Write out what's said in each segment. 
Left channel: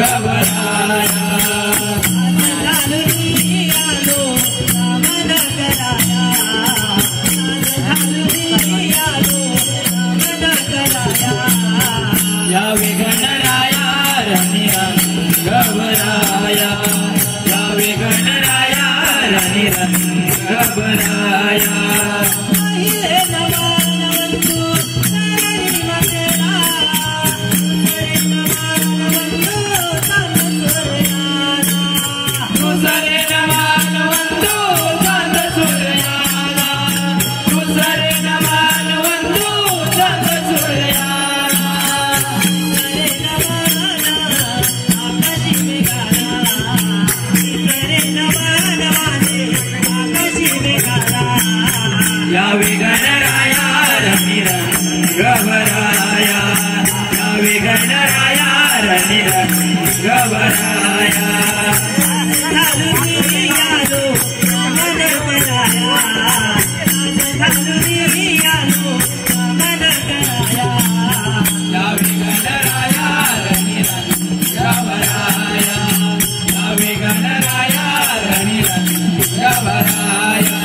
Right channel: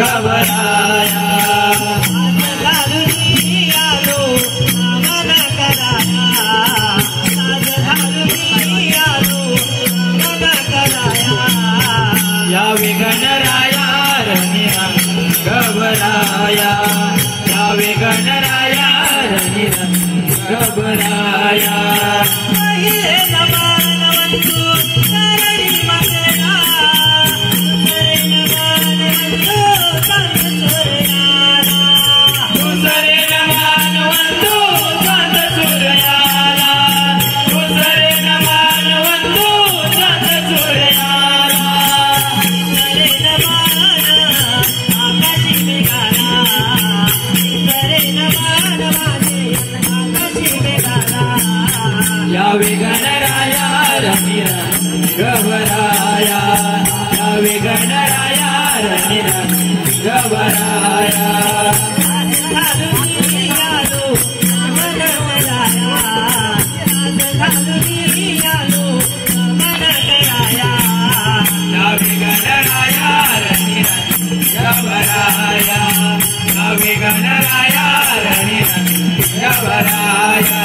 गवराया यावे गणराया रनिरंग गवराया यावे गणराया रनिरंग गवराया पहिले नमानवंतु सरणी मंगला दुसरे नमानवंतु संत सूर्याला दुसरे नमानवंतु संत सूर्याला यावे गणराया रनिरंग गवराया यावे गणराया रनिरंग गवराया यावे गणराया रनिरंग गवराया यावे गणराया रनिरंग गवराया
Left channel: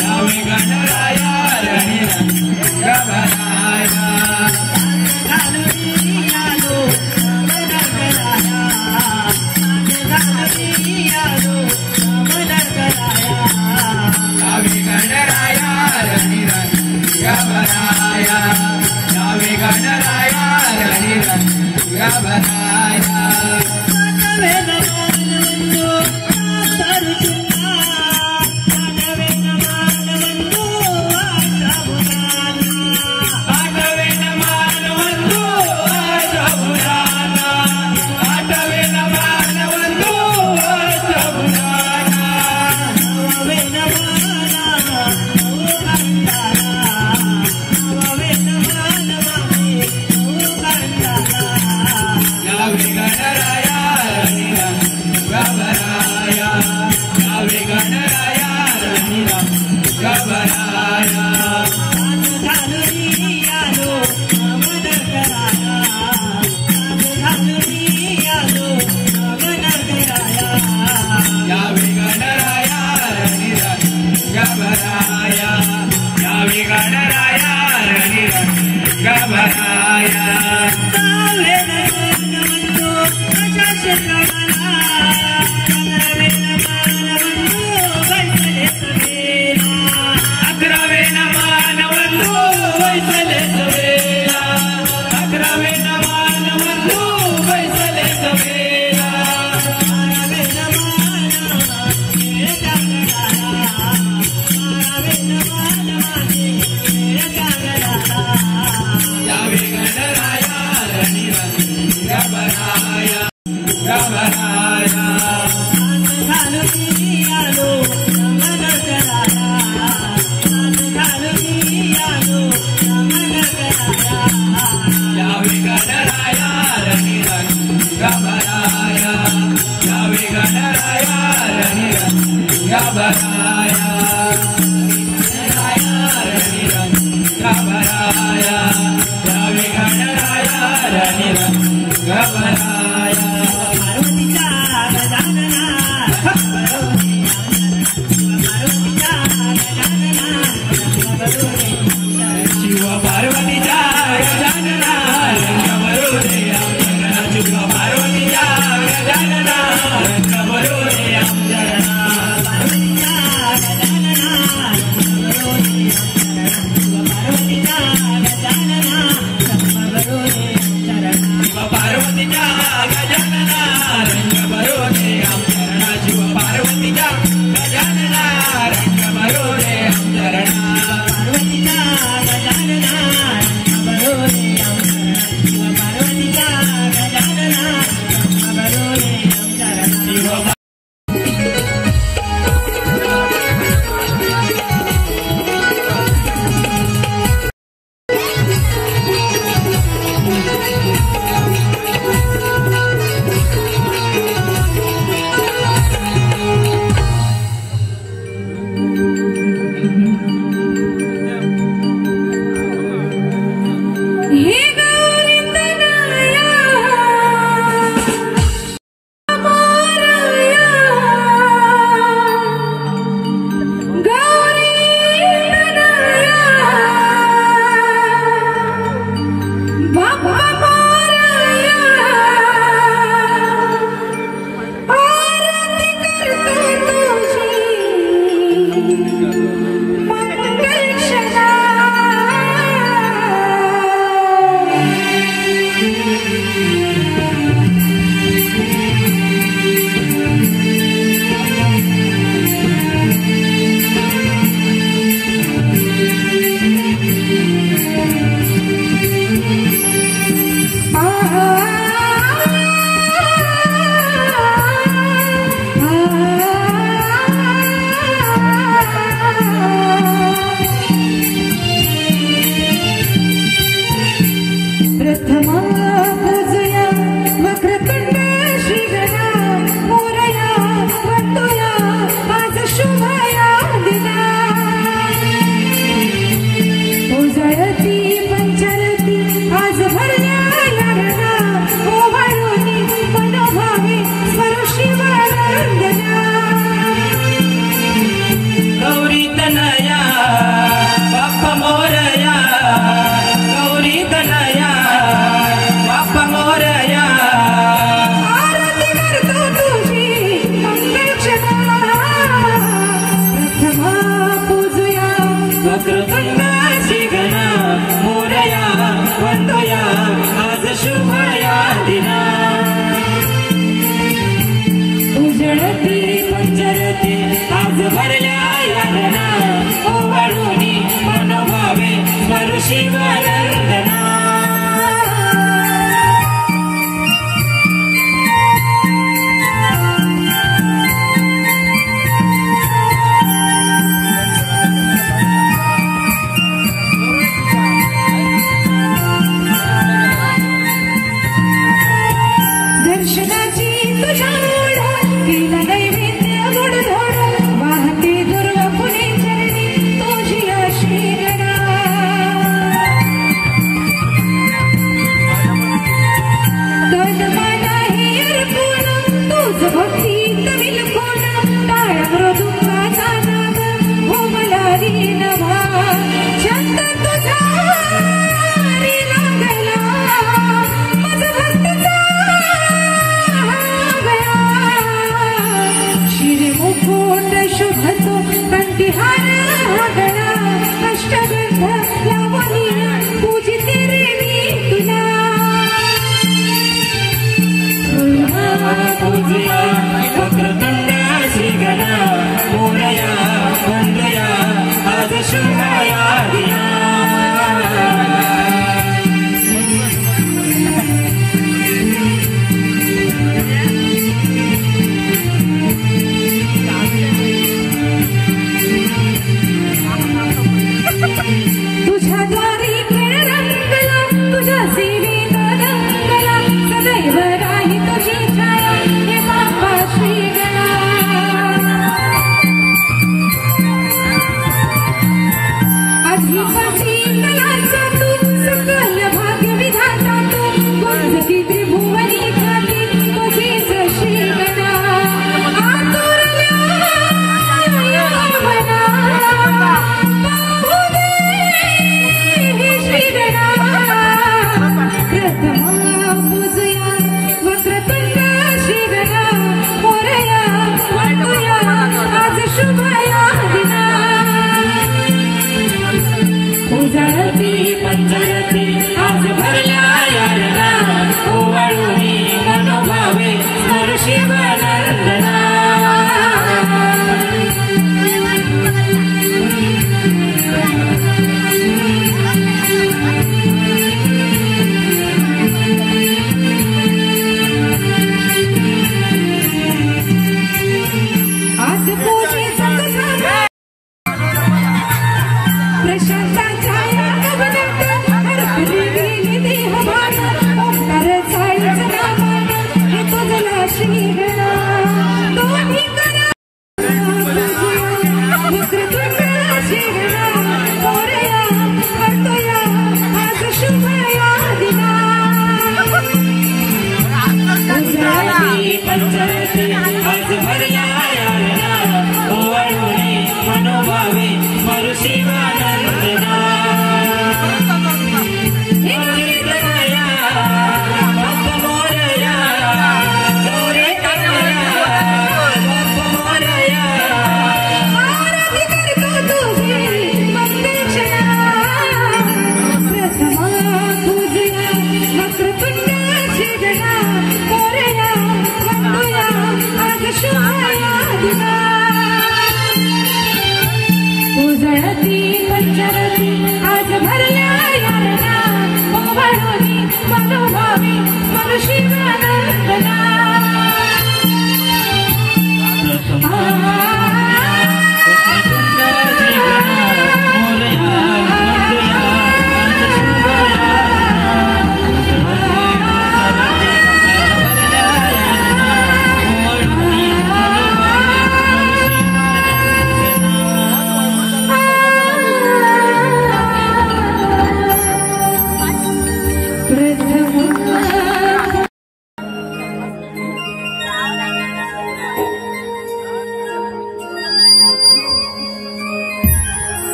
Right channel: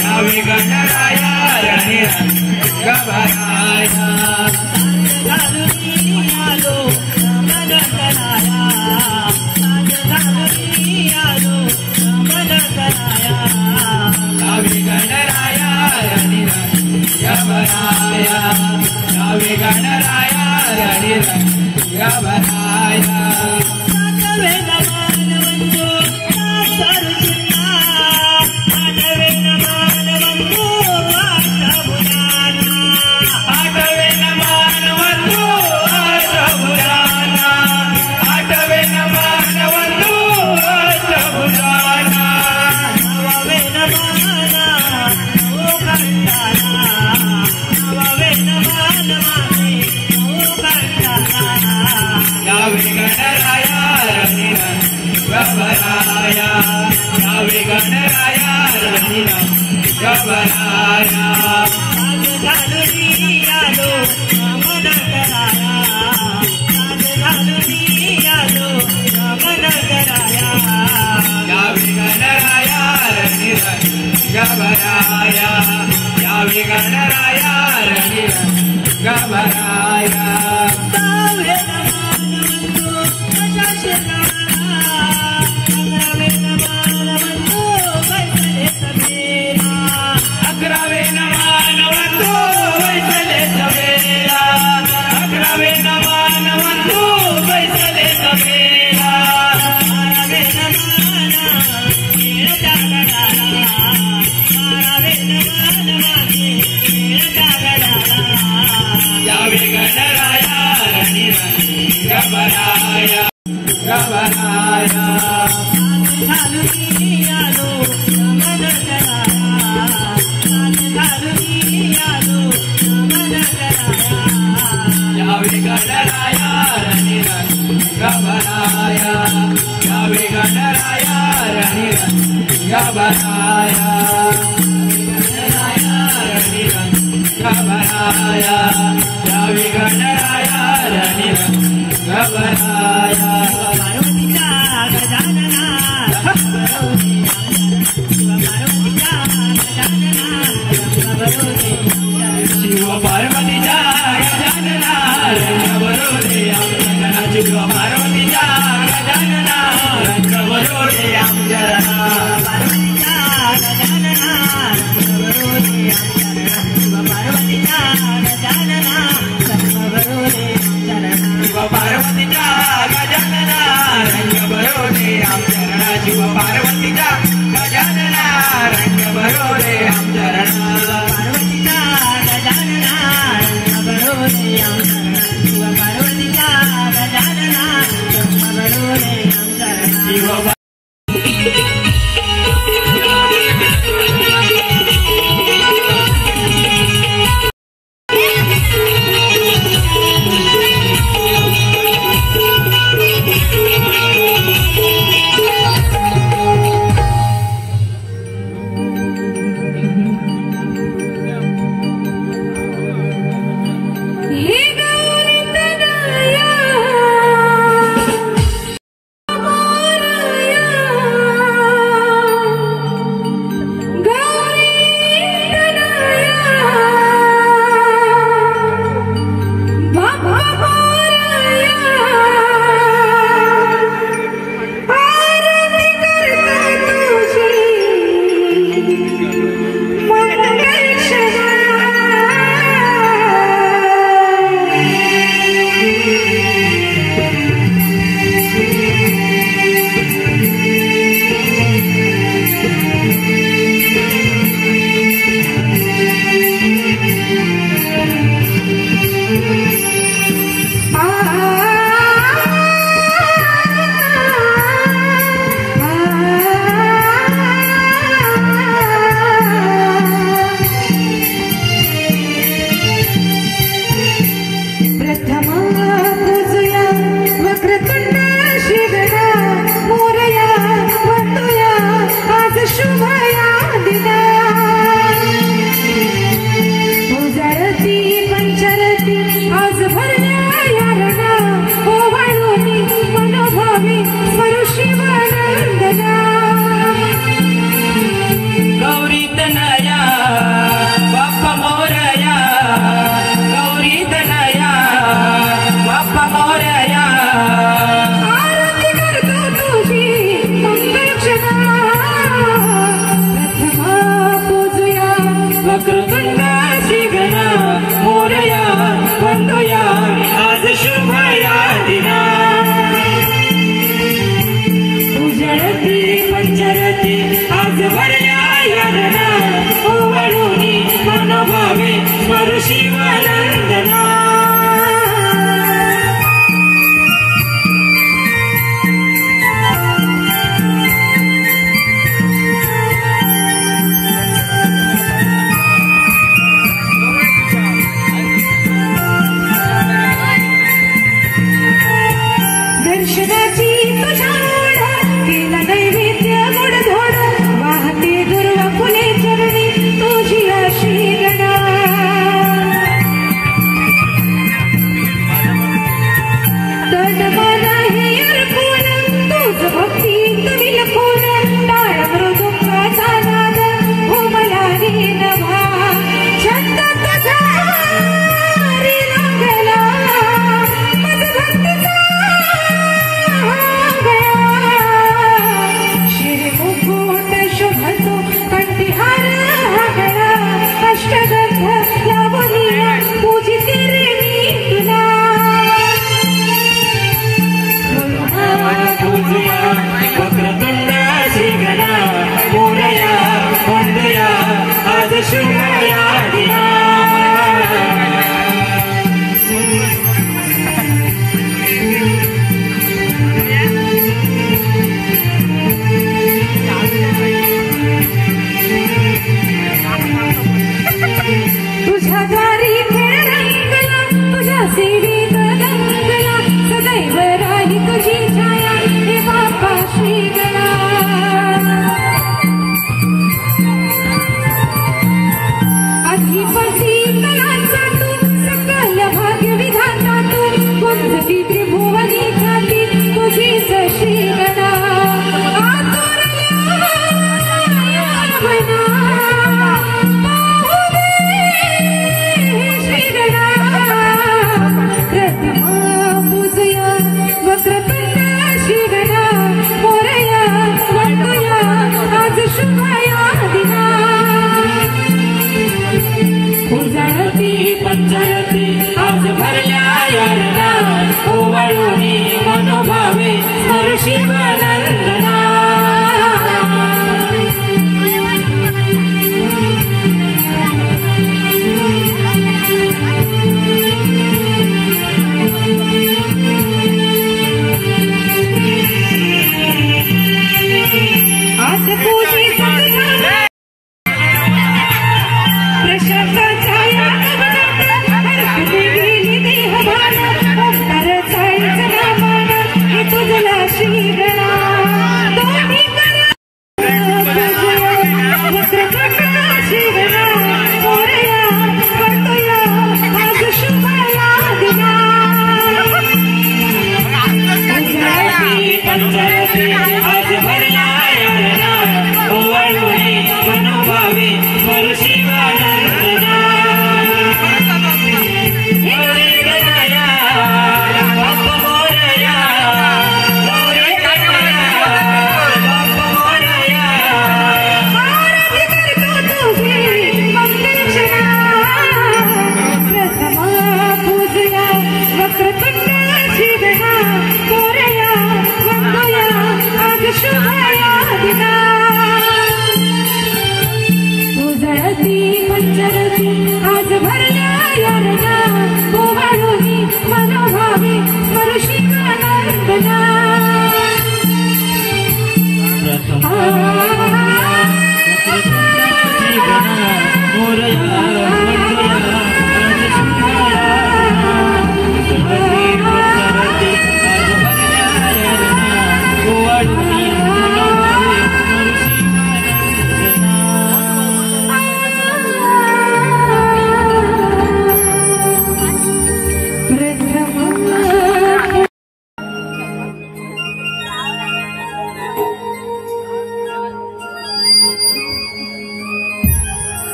यावे गणराया रनिरंग गवराया यावे गणराया रनिरंग गवराया यावे गणराया रनिरंग गवराया यावे गणराया रनिरंग गवराया यावे गणराया रनिरंग गवराया यावे गणराया रनिरंग गवराया यावे गणराया रनिरंग गवराया अकरावे नमानवंतु वैसले सवेला अकरावे नमानवंतु वैसले सवेला यावे गणराया रनिरंग गवराया गवराया यावे गणराया रनिरंग गवराया यावे गणराया रनिरंग गवराया रनिरंग गवराया यावे गणराया रनिरंग गवराया शिव पार्वतीचा गजानना रंग बरोडे आमचरणा शिव पार्वतीचा गजानना रंग बरोडे आमचरणा शिव पार्वतीचा गजानना रंग बरोडे आमचरणा शिव पार्वतीचा गजानना रंग बरोडे आमचरणा पार्वतीचा गजानना रंग बरोडे आमचरणा शिवानंदना दर्शनाची तुझ्या ओढ केला नैवेद्य गोड धोड वाहते दुर्वा फुले चरणी तुझी अशी गदा तडमन हे अर्पून तुझ भक्तीत विलपून टाळ मृदुंगाचा नाद घुमला रीनभा छंद तुझा हरी रंगला मज भक्तीचा शिरमुकुट शोभतो कंठीहार हागळा अष्टगंध लावणीया पूजिते रे तुला पूजिया वक्रतुंड श्रीगणा मोरया वंदया आज शुभया दिया तुझ्या दारी खेळ रंगला तुझ्या सेवेत रंगला सदैव राही तुझी छाया हे बापा श्रीगणा अधिपती कलाचा तू सकल भाग्य विधाता तू गुंजती त्रिभुवनी ख्याती तुझीच श्रीगणा आतुरल्या मना पंचरती आज भरल्या योजना ओवाळूनी मनोभावे हर शिवानंदना आज तुझी प्रशांताचा या कवनात हरपून गेली देहभान ओंकार चाळीचा नामान हे तुझला श्रीगणा दोन्ही करा वक्रतुंड श्रीगणा मोरया वंदया आज शुभया दिना पंचरती आज भरल्या योजना ओवाळूनी मनोभावे हर शिवानंदना मोरे कन्हैया बाप मोरया मोरे कन्हैया बाप मोरया आराध्य करतो तुझे मंगलचरणा प्रथमा पूजया वक्रतुंड श्रीगणा मोरया वंदया आज शुभया दिना उजळती पंचरती आज भरल्या योजना ओवाळूनी मनोभावे स्मर शिवानंदना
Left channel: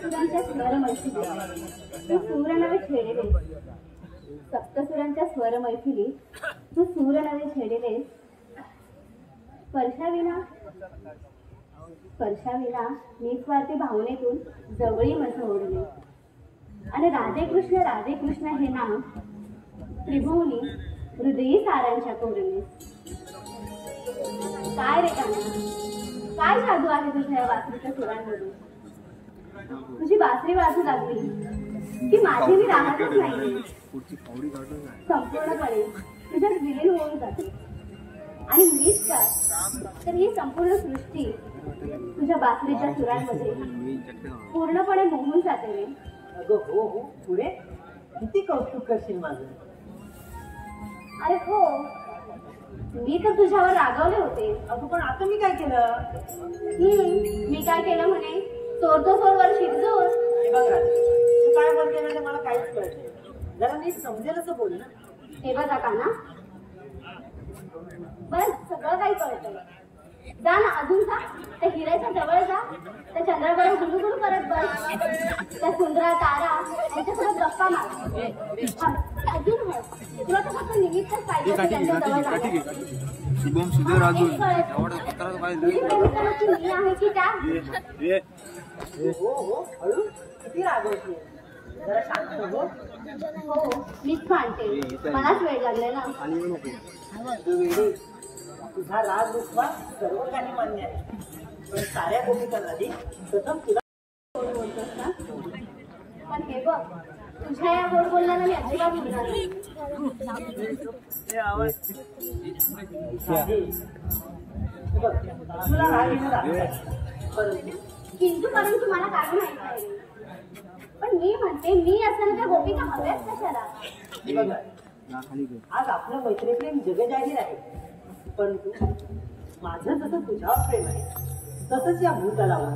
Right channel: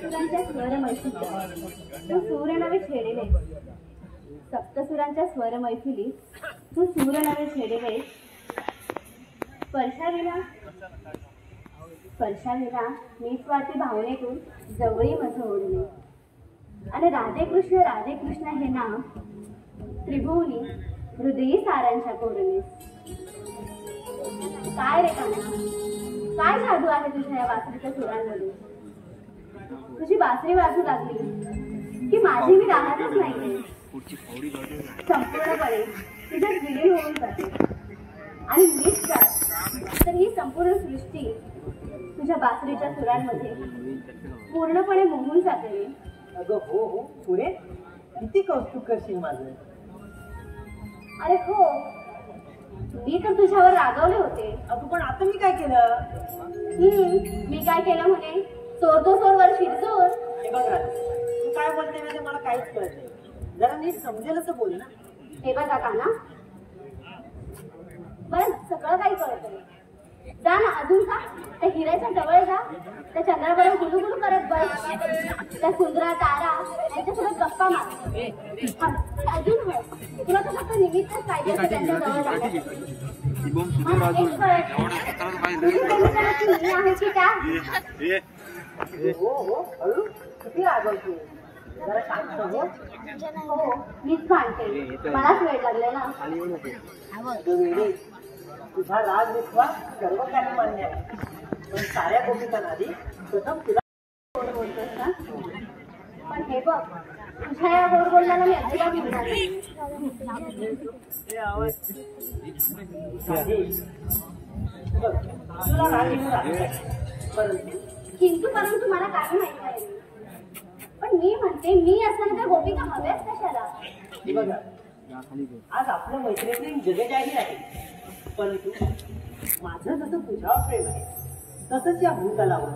सुरांच्या स्मरण ऐकूया सुरानावे छेडेले सप्तसुरांच्या स्वर मैथिलीत तू सूर नवे छेडले स्पर्शाविना निस्वार्थी भावनेतून जवळी मध ओढले आणि राधे कृष्ण हे नाव त्रिभुवनी हृदयी सारांच्या कोरले. काय रे काना, काय जादू आहे तुझ्या या बासरीच्या सुरांमध्ये? तुझी बासरी वाजू लागली की माझी मी राहतच नाही, संपूर्णपणे तुझ्यात विलीन होऊन जाते आणि मीच तर ही संपूर्ण सृष्टी तुझ्या बासरीच्या सुरांमध्ये पूर्णपणे मोहून जाते रे. अगं हो हो, पुढे किती कौतुक करशील माझं. अरे हो, मी तर तुझ्यावर रागवले होते. अगं पण आता मी काय केलं? मी काय केलं म्हणे? सोडतो सोडवर शिरजोर. हे बघ राधा, तू काय बोलते ना ते मला काहीच कळत नाही. जरा नीट समजेल असं बोल ना. हे बघा का ना, बरं सगळं काही कळतंय. जा ना अजून जा, त्या हिऱ्याच्या जवळ जा, त्या चंद्रावर गुलुगुलू करत बस, त्या सुंदरा तारा यांच्यासोबत गप्पा मार. अजून हो, तुला तर फक्त निमित्तच पाहिजे त्यांच्या जवळ जाण्यासाठी. आहे की काय? हो हो, हळू किती रागवते. जरा शांत हो. हो मीच मानते, मलाच वेळ लागले ना. तुझा राग विश्वास सर्व काही मान्य आहे, पण साऱ्या गोपिकांआधी प्रथम तुला गोड बोलतोस ना, पण हे बघ तुझ्या या गोड बोलण्याला मी अजिबात म्हणणार नाही. तुला राग येऊ लागला, परंतु मला काय माहित नाही. पण मी म्हणते, मी असताना त्या गोपिका हव्याच कशाला? बघा, आज आपल्या मैत्रिणी जगजाहीर आहे, परंतु माझं जसं तुझ्यावर प्रेम आहे तसंच या भूतलावर,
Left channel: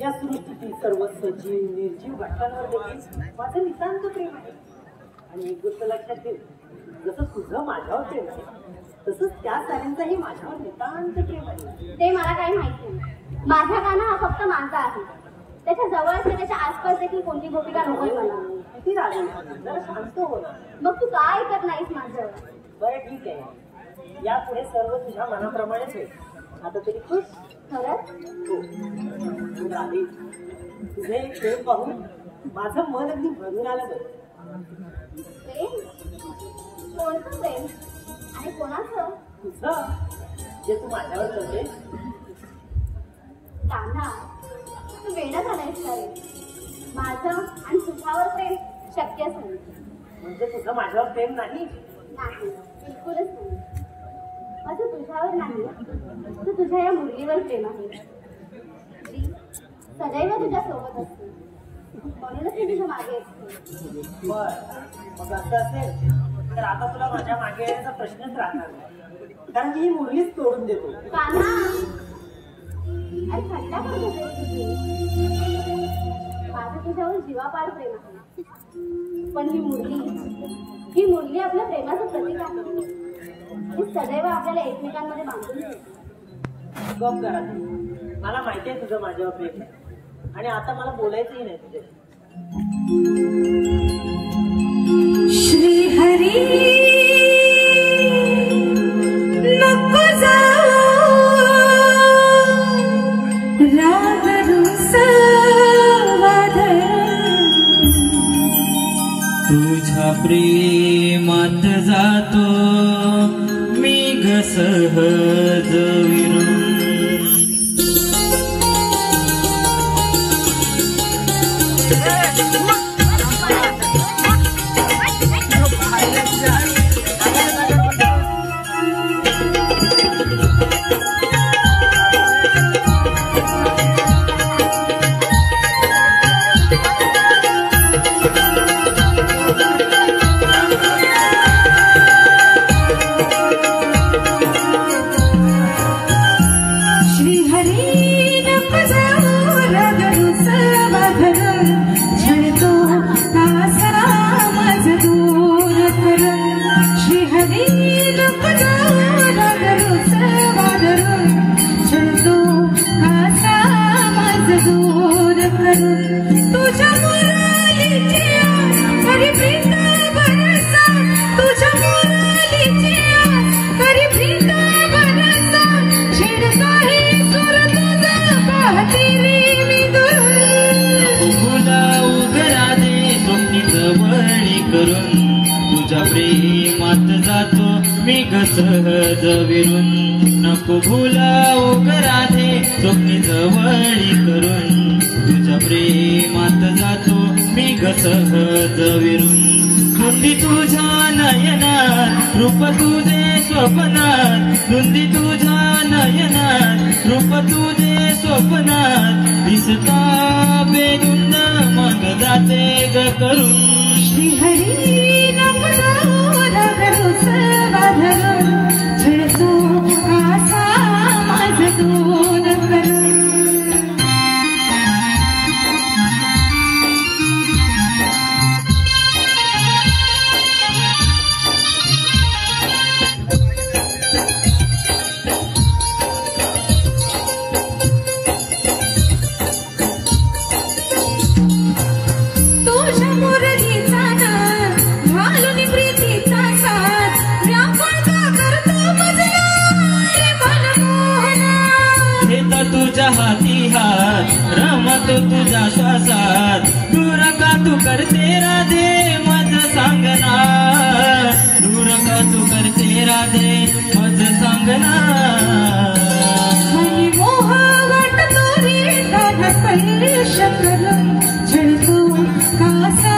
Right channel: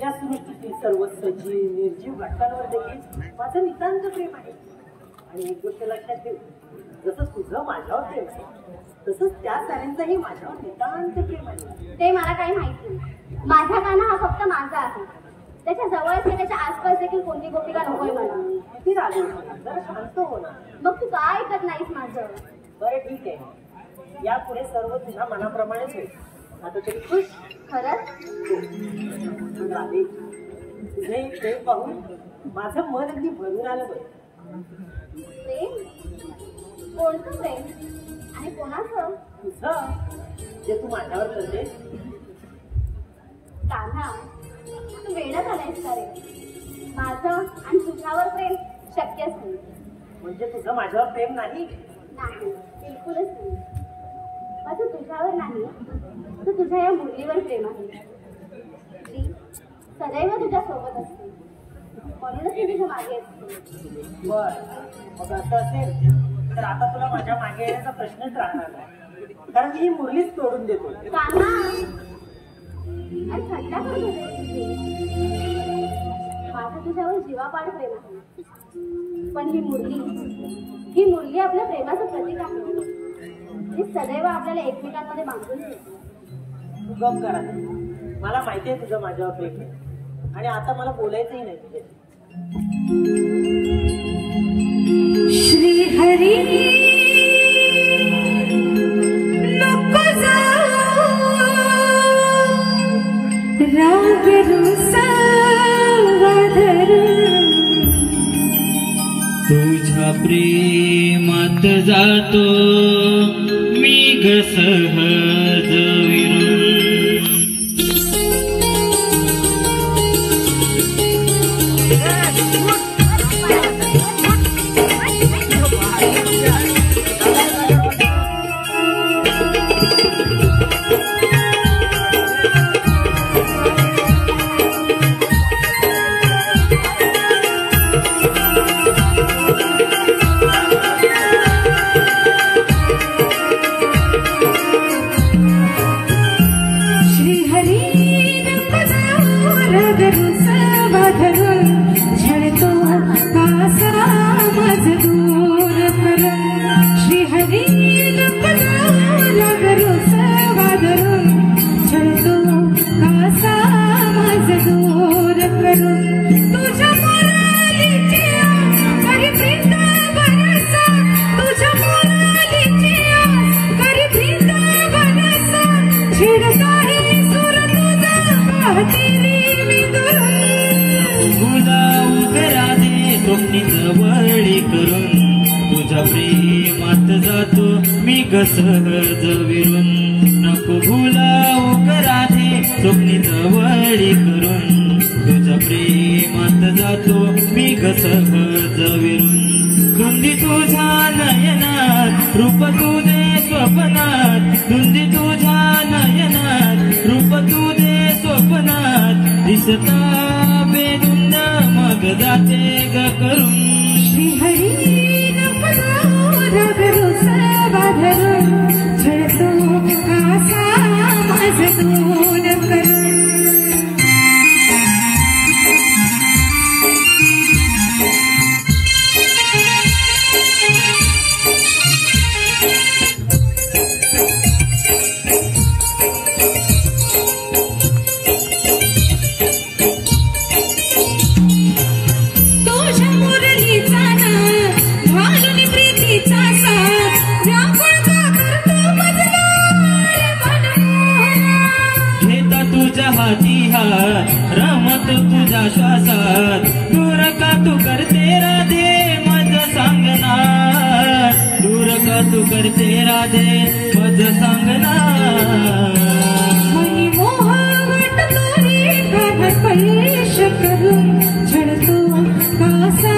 या सृष्टीतील सर्व सजीव निर्जीव घटकांवर देखील माझं नितांत प्रेम आहे. आणि एक गोष्ट लक्षात ठेव, जसं तुझं माझ्यावर प्रेम आहे तसंच त्या साऱ्यांचंही माझ्यावर नितांत प्रेम आहे. ते मला काही माहिती नाही. माझा काना हा फक्त माझा आहे. त्याच्या जवळच त्याच्या आसपास देखील कोणती गोपिका नकोय मला. किती रागवू, जरा शांत हो ना. मग तू काय ऐकत नाहीस माझं? बरं ठीक आहे, यापुढे सर्व तुझ्या मनाप्रमाणेच होईल. आता तरी खुश? खरंच? हो राधे, तुझे प्रेम पाहून माझं मन अगदी भरून आलं बघ. प्रेम? कोणतं प्रेम आणि कोणाचं? तुझं, जे तू माझ्यावर करते. कान्हा, तू वेडा झालायस का रे? माझं आणि तुझ्यावर प्रेम शक्यच नाही. म्हणजे तुझं माझ्यावर प्रेम नाही? नाही, बिलकुलच नाही. माझं तुझ्यावर नाही, तर तुझ्या या मुरलीवर प्रेम आहे. जी सदैव तुझ्या सोबत असते, म्हणूनच मी तुझ्या मागे असते. बर, मग असं असेल तर आता तुला माझ्या मागे येण्याचा प्रश्नच राहणार नाही, कारण मी ही मुरलीच तोडून देतो. कान्हा, अरे थंडा करत होते तुझी. माझं तुझ्यावर जीवापाड प्रेम आहे, पण ही मुरली आपल्या प्रेमाचं प्रतीक आहे. ती सदैव आपल्याला एकमेकांमध्ये बांधून ठेवते. गप करा, मला माहिती आहे तुझं माझ्यावर प्रेम आहे आणि आता मला बोलायचंही नाही तुझ्याशी. श्री हरी नको जाऊ, राग रुसा तुझ्या प्रेमात जातो मी ग सहज विरून. प्रेमात जातो मी ग सहज विरून नको भुलावू ग राधे स्वप्नी जवळी करून तुझ्या प्रेमात जातो मी ग सहज विरून धुंदी तुझ्या नयनात रूप तुझे स्वप्नात धुंदी तुझ्या नयनात रूप तुझे स्वप्नात दिसता बेधुंद मग जाते ग करून श्रीहरी नको जाऊ राग रुसवा भरून छळतो आसा माझ दूर करून तुझ्या हाती हात रमत तुझ्या श्वासात दूर का तू करते राधे माझं सांगना दूर का तू करते राधे माझं सांगना मनी मोह वाटतो रे गाणं पैश करून छळतो कासा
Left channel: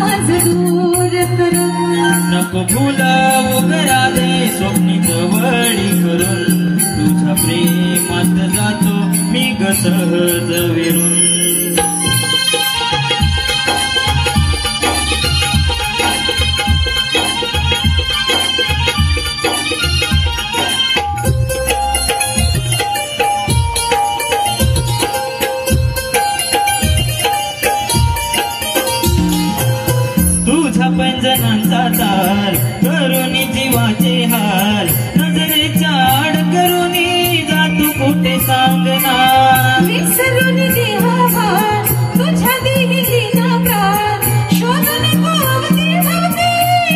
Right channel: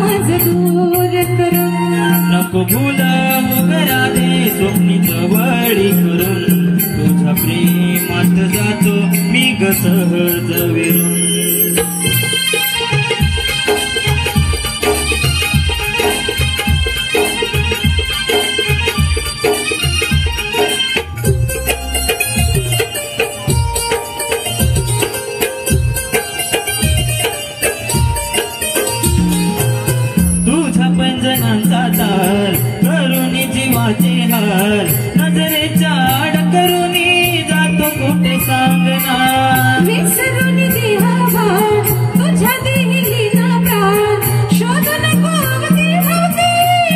माझ दूर करून नको भुलावू ग राधे स्वप्नी जवळी करून तुझ्या प्रेमात जातो मी ग सहज विरून तुझ्या पैंजणांचा तार करून जीवाचे हार नजरेच्या आड करून जातो कुठे सांगना विसरून देहाभार तुझ्या दिली ना प्राण शोध नको अवती भवती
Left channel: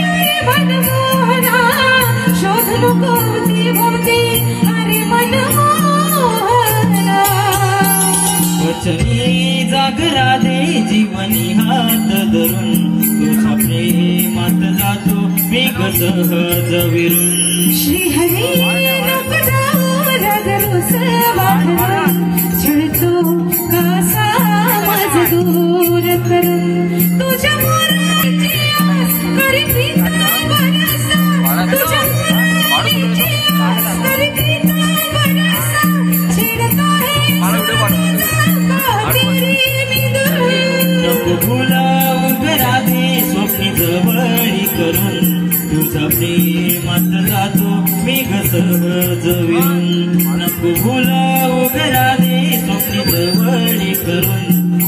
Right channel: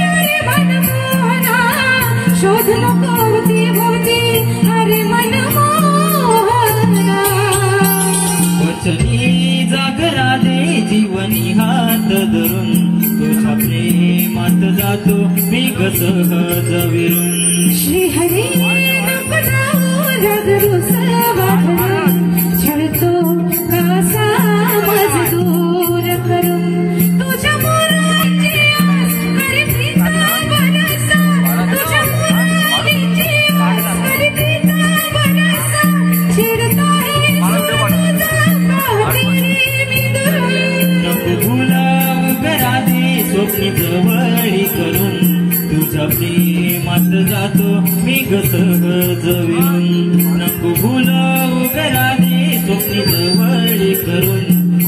अरे मनमोहना शोध नको अवती भवती अरे मनमोहना वचनी जाग राधे जीवनी हात धरून तुझ्या प्रेमात जातो मी ग सहज विरून श्रीहरी नको जाऊ राग रुसवा भरून छळतो कासा माझ दूर करून तुझ्या मोराची आस करी प्रीता बरसा तुझ्या मोराची आस करी प्रीता बरसा छेडता नको भुलावू ग राधे स्वप्नी जवळी करून तुझ्या प्रेमात जातो मी ग सहज विरून नको भुलावू ग राधे स्वप्नी जवळी करून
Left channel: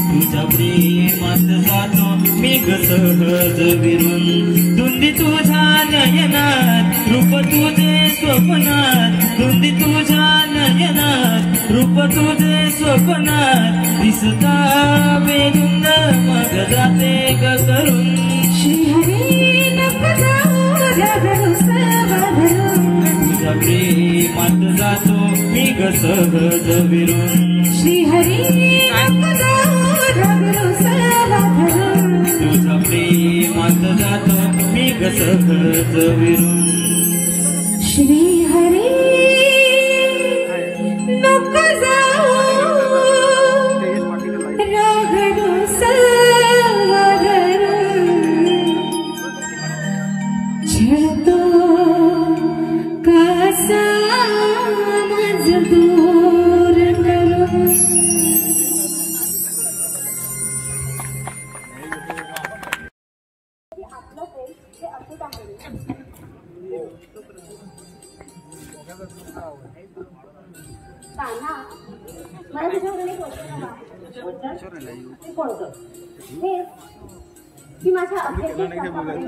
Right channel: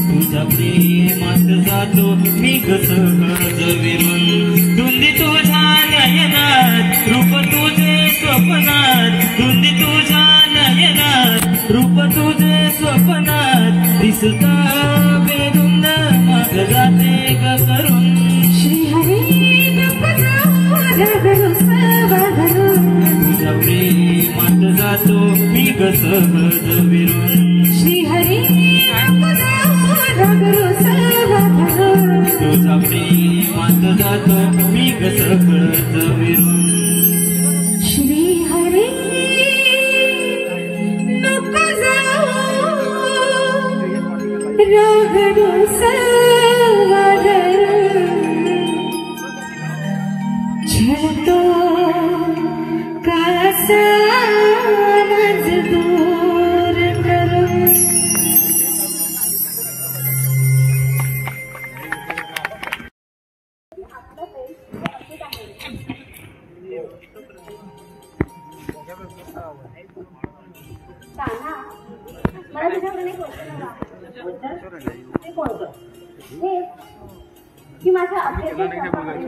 तुझ्या प्रेमात जातो मी ग सहज विरून धुंदी तुझ्या नयनात रूप तुझे स्वप्नात धुंदी तुझ्या नयनात रूप तुझे स्वप्नात दिसता बेधुंद मग जाते ग करून श्रीहरी नको जाऊ राग रुसवा भरून तुझ्या प्रेमात जातो मी ग सहज विरून श्रीहरी नको जाऊ राग रुसवा भरून तुझ्या प्रेमात जातो मी ग सहज विरून श्रीहरी नको जाऊ राग रुसवा भरून छळतो कासा माझ दूर करून आपलं प्रेम हे असेच आहे. ताना, मला तुझ्याकडून एक वचन हवं. ते कोणतं हे की माझ्या अखेरच्या श्वासापर्यंत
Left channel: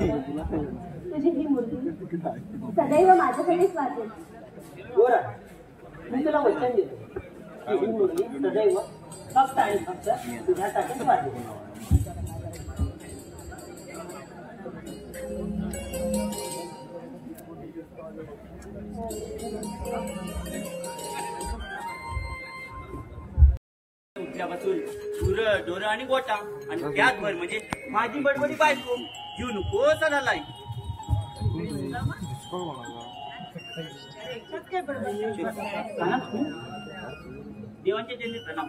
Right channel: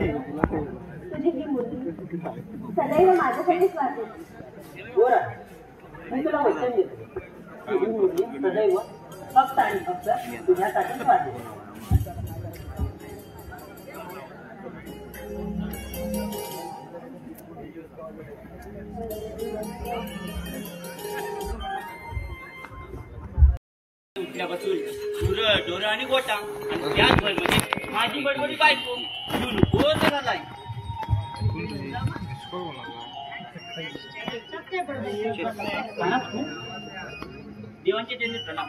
तुझी ही मुलगी सदैव माझ्यासाठीच वाचेल. गोरा मी तुला वचन देतो की ही मुलगी सदैव फक्त आणि फक्त तुझ्यासाठीच वाटेल. उठल्यापासून डोरं डोरं आणि गोटा आणि त्याचभर म्हणजे माझी बडबडी बायको घेऊ नको झाला काना तू देवांचे त्यांनी प्रणाम.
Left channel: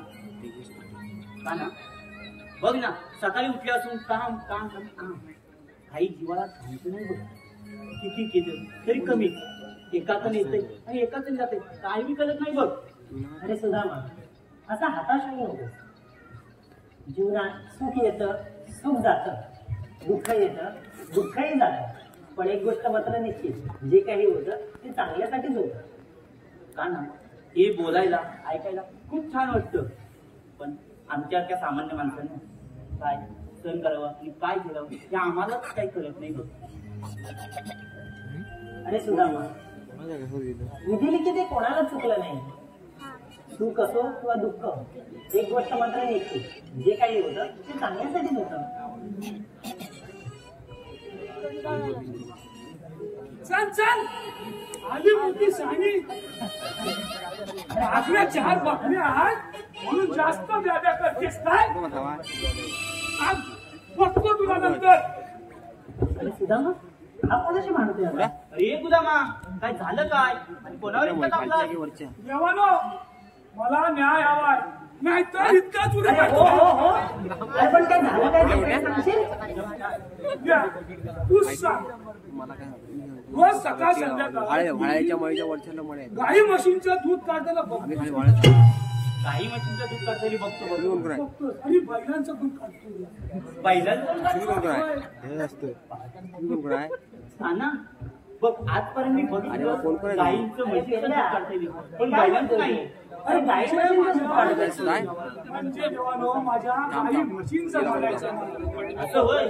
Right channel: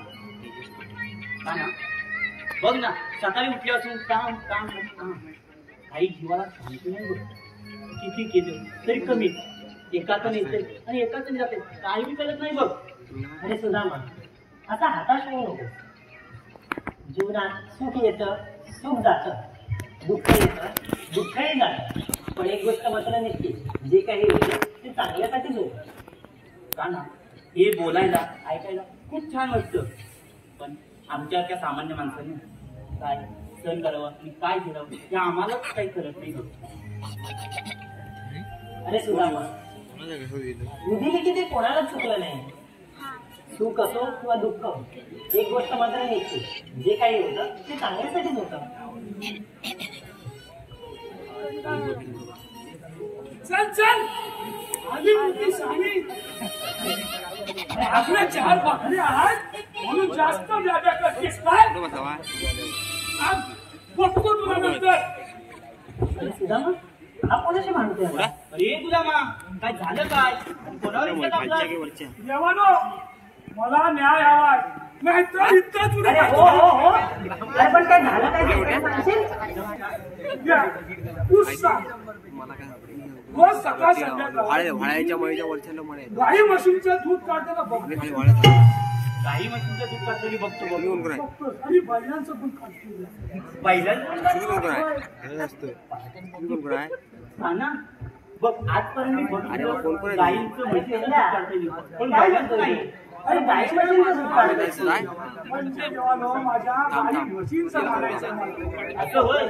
काना बघ ना, सकाळी उठल्यापासून काम काम काम काही जीवाला शांती नाही बघ. किती केलं तरी कमी, एकातून येते आणि एकातून जाते, काही बी कळत नाही बघ. अरे सुदामा, असा हताश होऊ नको. जीवनात सुख येतं, सुख जातं, दुःख येतं, दुःखही जातं. पण एक गोष्ट मात्र निश्चित, जे काही होतं ते चांगल्यासाठीच होतं. काना हे बोलायला ऐकायला खूप छान वाटतं, पण आमच्यासारख्या सामान्य माणसाने काय सहन करावं आणि काय करावं हे आम्हालाच काही कळत नाही बघ. अरे सुदामा, विधिलिखित ते कोणालाच चुकलं नाही. सुख असो किंवा दुःख, एक गोष्ट मात्र निश्चित, जे काही होतं ते चांगल्यासाठीच होतं. चल चल आधी मोठी सानी आपल्या 4 भाकऱ्या आहेत म्हणून जास्त व्याप्या करतेस काय? आज बघतो तुला नंतर. अरे सुदामा, हा कोणाशी भांडतोय आता? अरे गुलामा, काय झालं काय आणि कोणावर इतका तापला? देवानो, मला न्याय हवाय, नाही तर इतका तुला अरे हो हो हो, अरे पण काय झालं काय ते काय सांगशील? तू सांग. रोज सकाळ संध्याकाळ गाई म्हशींचं दूध काढताना बघतो, काही मशीनचं दूध काढताना बघतो बघतोस, आणि बैलांचं दूध काढतो. ना बघ, आजपर्यंत मी बघितलं गाईंचं म्हशीचं दूध काढताना, पण बैलांचं नाही. अरे गाई म्हशींचं दूध काढतोय. म्हणजे देवानो, माझ्या गाई म्हशींचं मारायचं नाही. असं होय?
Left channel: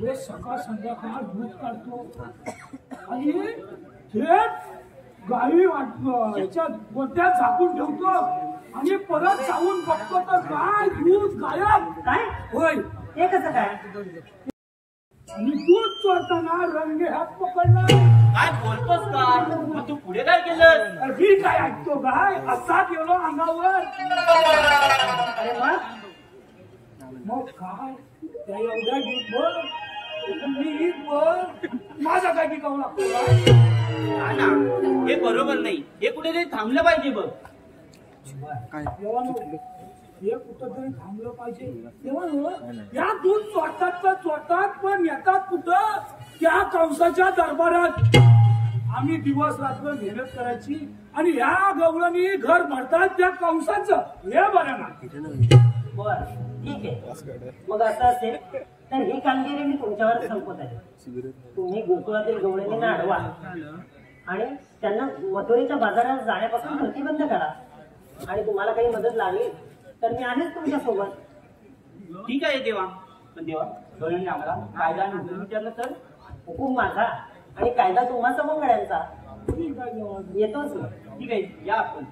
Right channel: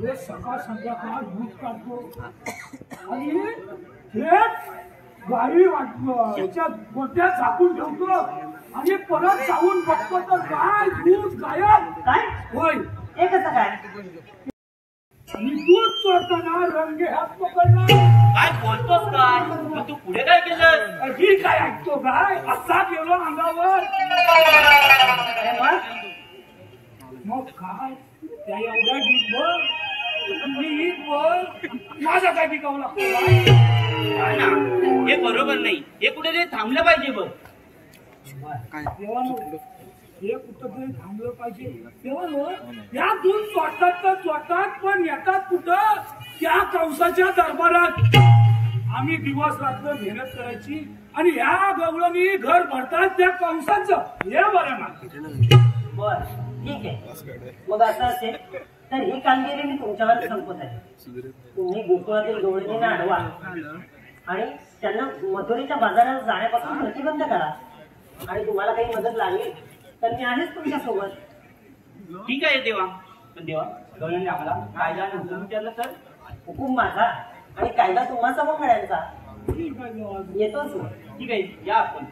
रोज सकाळ संध्याकाळ दूध काढतो आणि थेट गाई याच्या गोट्यात झाकून ठेवतो आणि परत जाऊन बघतो तर गाय दूध गायब. काय होय, हे कसं काय? आणि दूध चोरताना रंगे हात पकडला. काय बोलतोस काय? मग तू पुढे काय केलं? ही काय ऐकतो गाय, असा गेलो अंगावर. अरे मग मग काय त्या एवढ्या गीतभर माझा काय टिकावं लागतो गाय? ना हे बरोबर नाही, हे कुठेतरी थांबलं पाहिजे बघ. देवानो, हे कुठंतरी थांबलं पाहिजे. देवानो, या दूध चोरतात तर चोरतात, पण येतात कुठं? त्या कंसाच्या दरबारात. आम्ही दिवस रात्र मेहनत करायची आणि ह्या गवळणी घर भरतात त्या कंसाचं. हे बरं ना. बर, ठीक आहे. मग असं असेल तर ही कामगिरी मी तुमच्यावर संपवत आहे. तुम्ही गोकुळातील गवळणींना अडवा आणि त्यांना मथुरेच्या बाजारात जाण्यापासून प्रतिबंध करा. आणि तुम्हाला काही मदत लागली तर मी आहेच तुमच्या सोबत. ठीक आहे देवा, पण देवा गवळणी आम्हाला कायदा आणि हुकूम विचारलं तर? हुकूम माझा आणि कायदा तुम्हा सवंगड्यांचा. ठीक आहे देवा. येतोच मग. ठीक आहे, या आपण.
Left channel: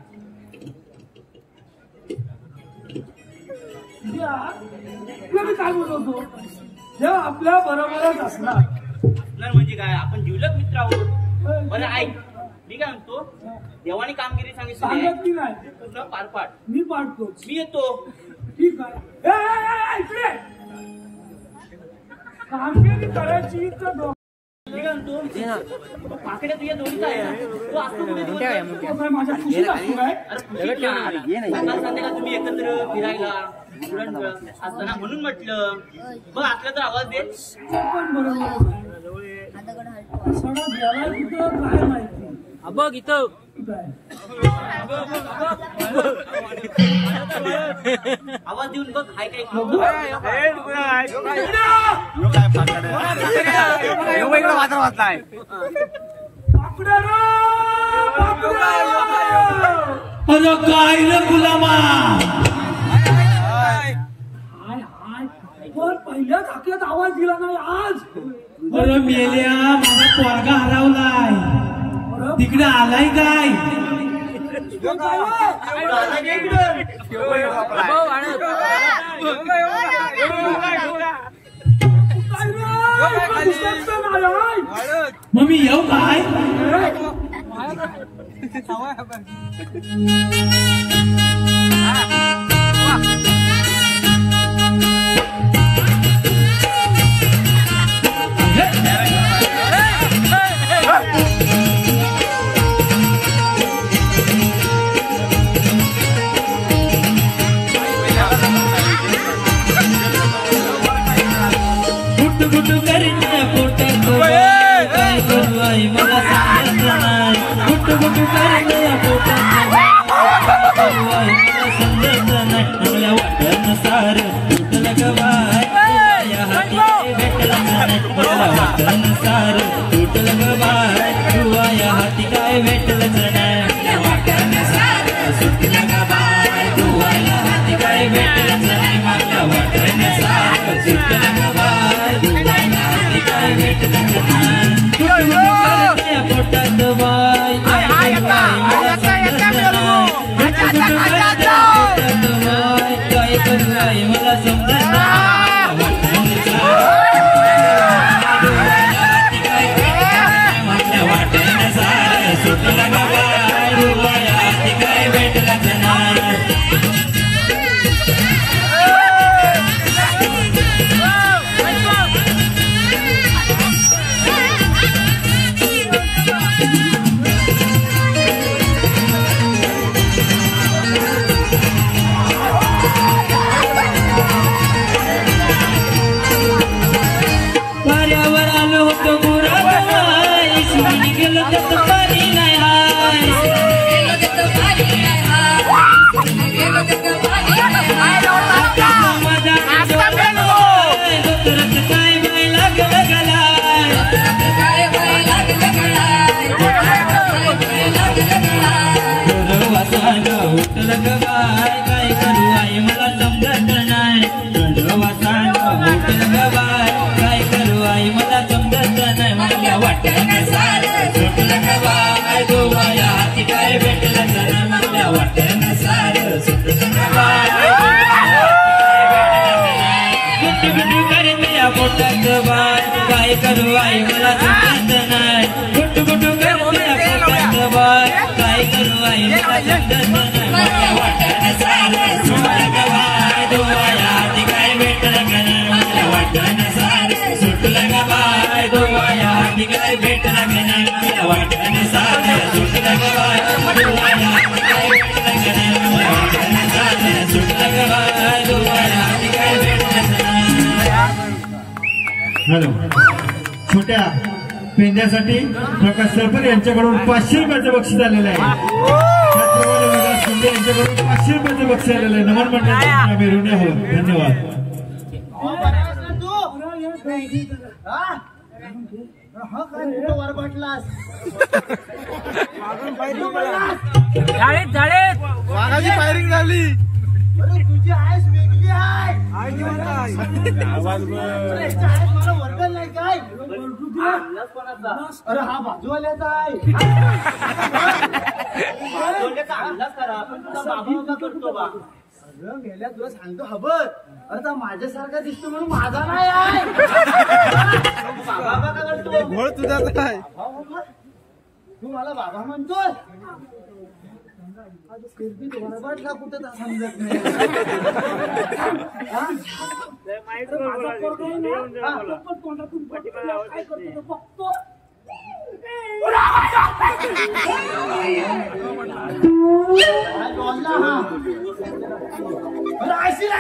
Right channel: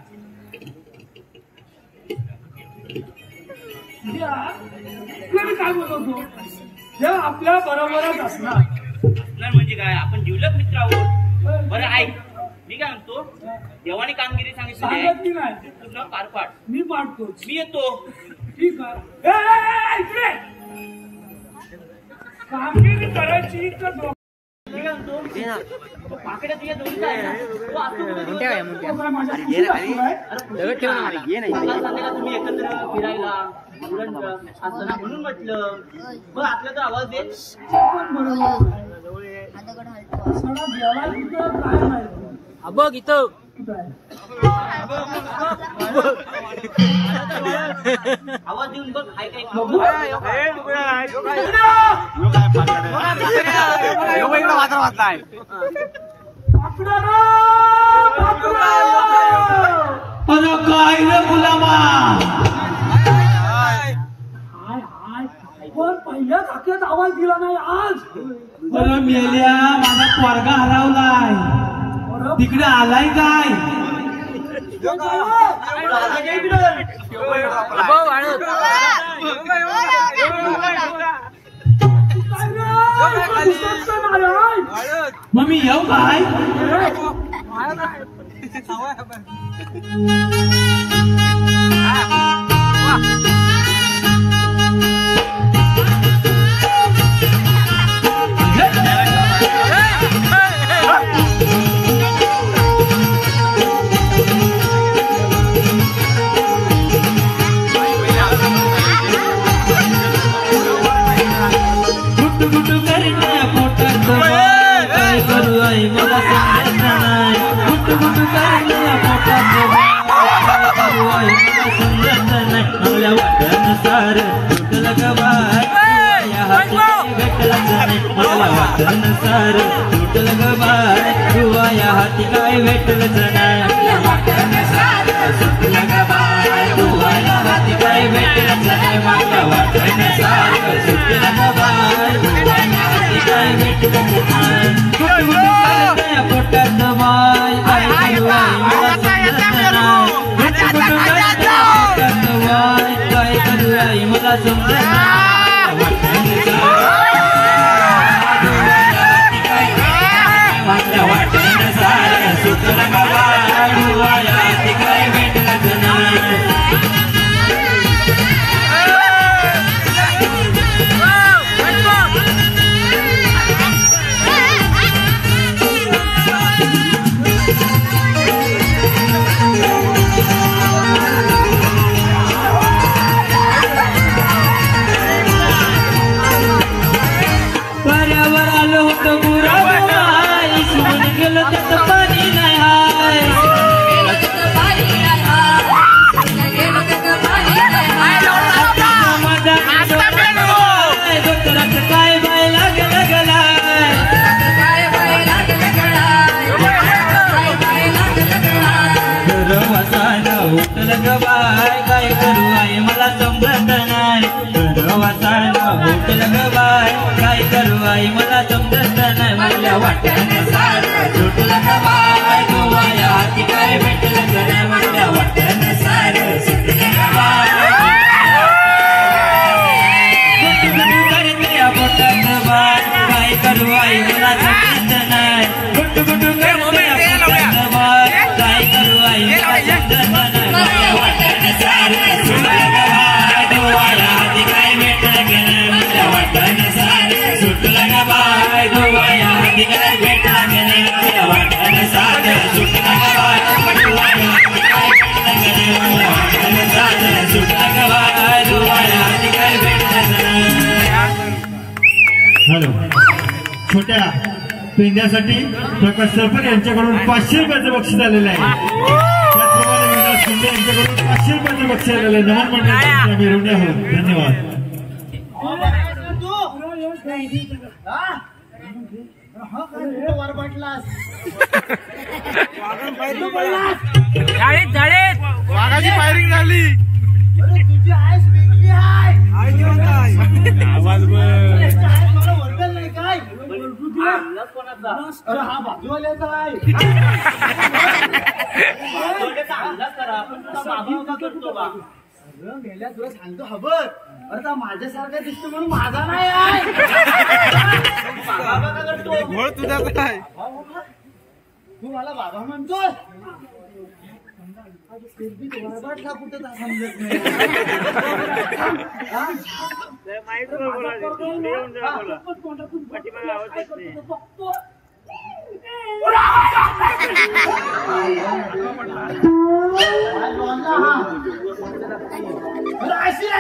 मी काय बोलतो, हे आपल्या बरोबरच असणार. असणार म्हणजे काय? आपण जिवलग मित्र आहोत. बरं ऐक, मी काय म्हणतो, देवाने कामगिरी सांगितली सांगत की नाही, ते पूर्ण पार पाड. मी पाडतोच. मी येतो. ठीक आहे. इकडे कामगिरी करायची तर मी काय म्हणतो, तो पाकड्या तुझ्या दोघीचा आहे ना, तो असतो कुठे? माझ्या खुशीत असतो काय? अरे सकाळ संध्याकाळ तुम्ही एकत्र फिरायला उडण असताना म्हणून म्हटलं. बघ आपल्या तर आवाज दे. पण बरोबर सडा गेला कुठं काय माहिती. बघ इथं कुठं आहे? आवाज देऊन बघ, हाय काय? पाकडा रे, पाकडा. अरे काय रे गुलामा, हाय हाय, पण पहिल्या धाक्यात आवाज दिला नाही आज. अरे मेल्या, माझा पोरगा हरवलाय, तिकडे आलाय काय? मग मी येऊ काय? गुटू करते पोटात काय करू आई मला समजत नाही गुटू करते पोटात काय करू आई मला समजत नाही चांगल्या वाटण्यानुसार तुटलं ग बाय या हाती भेटलंच नाही मला वाटण्यानुसार तुटलं ग बाय तुवा या हाती काय भेटलंच नाही सुटलं ग बाय तुवा या हाती काय भेटलंच नाही मला वाटण्यानुसार सुटलं ग बाय काय भेटलंच नाही पोटात बाय काय करू आई मला समजत नाही गुटू करते पोटात बाय काय करू आई मला समजत नाही सुटलं ग बाय तुवा या हाती काय भेटलंच नाही पर्यावर आलो होतो मुरावा इसरून गेलं त्यात पाणी नाही हाय डोक्यात काय बाय लागलाय वासायला उठलं ग बाय काय करू आई मला समजत नाही वासायला उठलं ग बाय काय करू आई मला समजत नाही मला वाटणं सारं सुटलं ग बाय तुवा या हाती काय भेटलं नाही मला वाटणं सारं सुटलं ग बाय गुटू करते पोटात बाय काय करू आई मला समजत नाही गुटू करते पोटात बाय काय करू आई मला समजत नाही मला वाटणं सारं सुटलं ग बाय तुवा या हाती काय भेटलं नाही मला वाटणं सारं सुटलं ग बाय तुवा या हाती काय भेटलं नाही मला वाटणं सारं सुटलं ग बाय तुवा या हाती काय भेटलं नाही मला वाटणं सारं सुटलं ग बाय तुवा या हाती काय भेटलं नाही हॅलो छोट्या पेंद्यासाठी प्रकाश सरपंच यांच्याकडून 500 रुपयाचं बक्षीस आलेलं आहे त्याचप्रमाणे विलास शिंदे यांच्याकडून 500 रुपयाचं बक्षीस आलेलं आहे नमन मंडळाच्या आम्ही ऋणी आहोत धन्यवाद वाघाची फायरिंग झाली तुझी आयस वेगळी आहे मला वर्गल नाही काय अरे हा बाजूवाल्याचा आहे बाजूवाल्याचा अंदाज करा पण तुला बाबा का करतो बा अरे मेल्या तुला सांगतो हबर अरे तर माझ्यासारखा दिसतो म्हणून माझा नाही आहे बाबा का करतो तुझा काय तू मला बाबा म्हणतोय बरबाटला कुठे समजत नाही काय करतो बघतो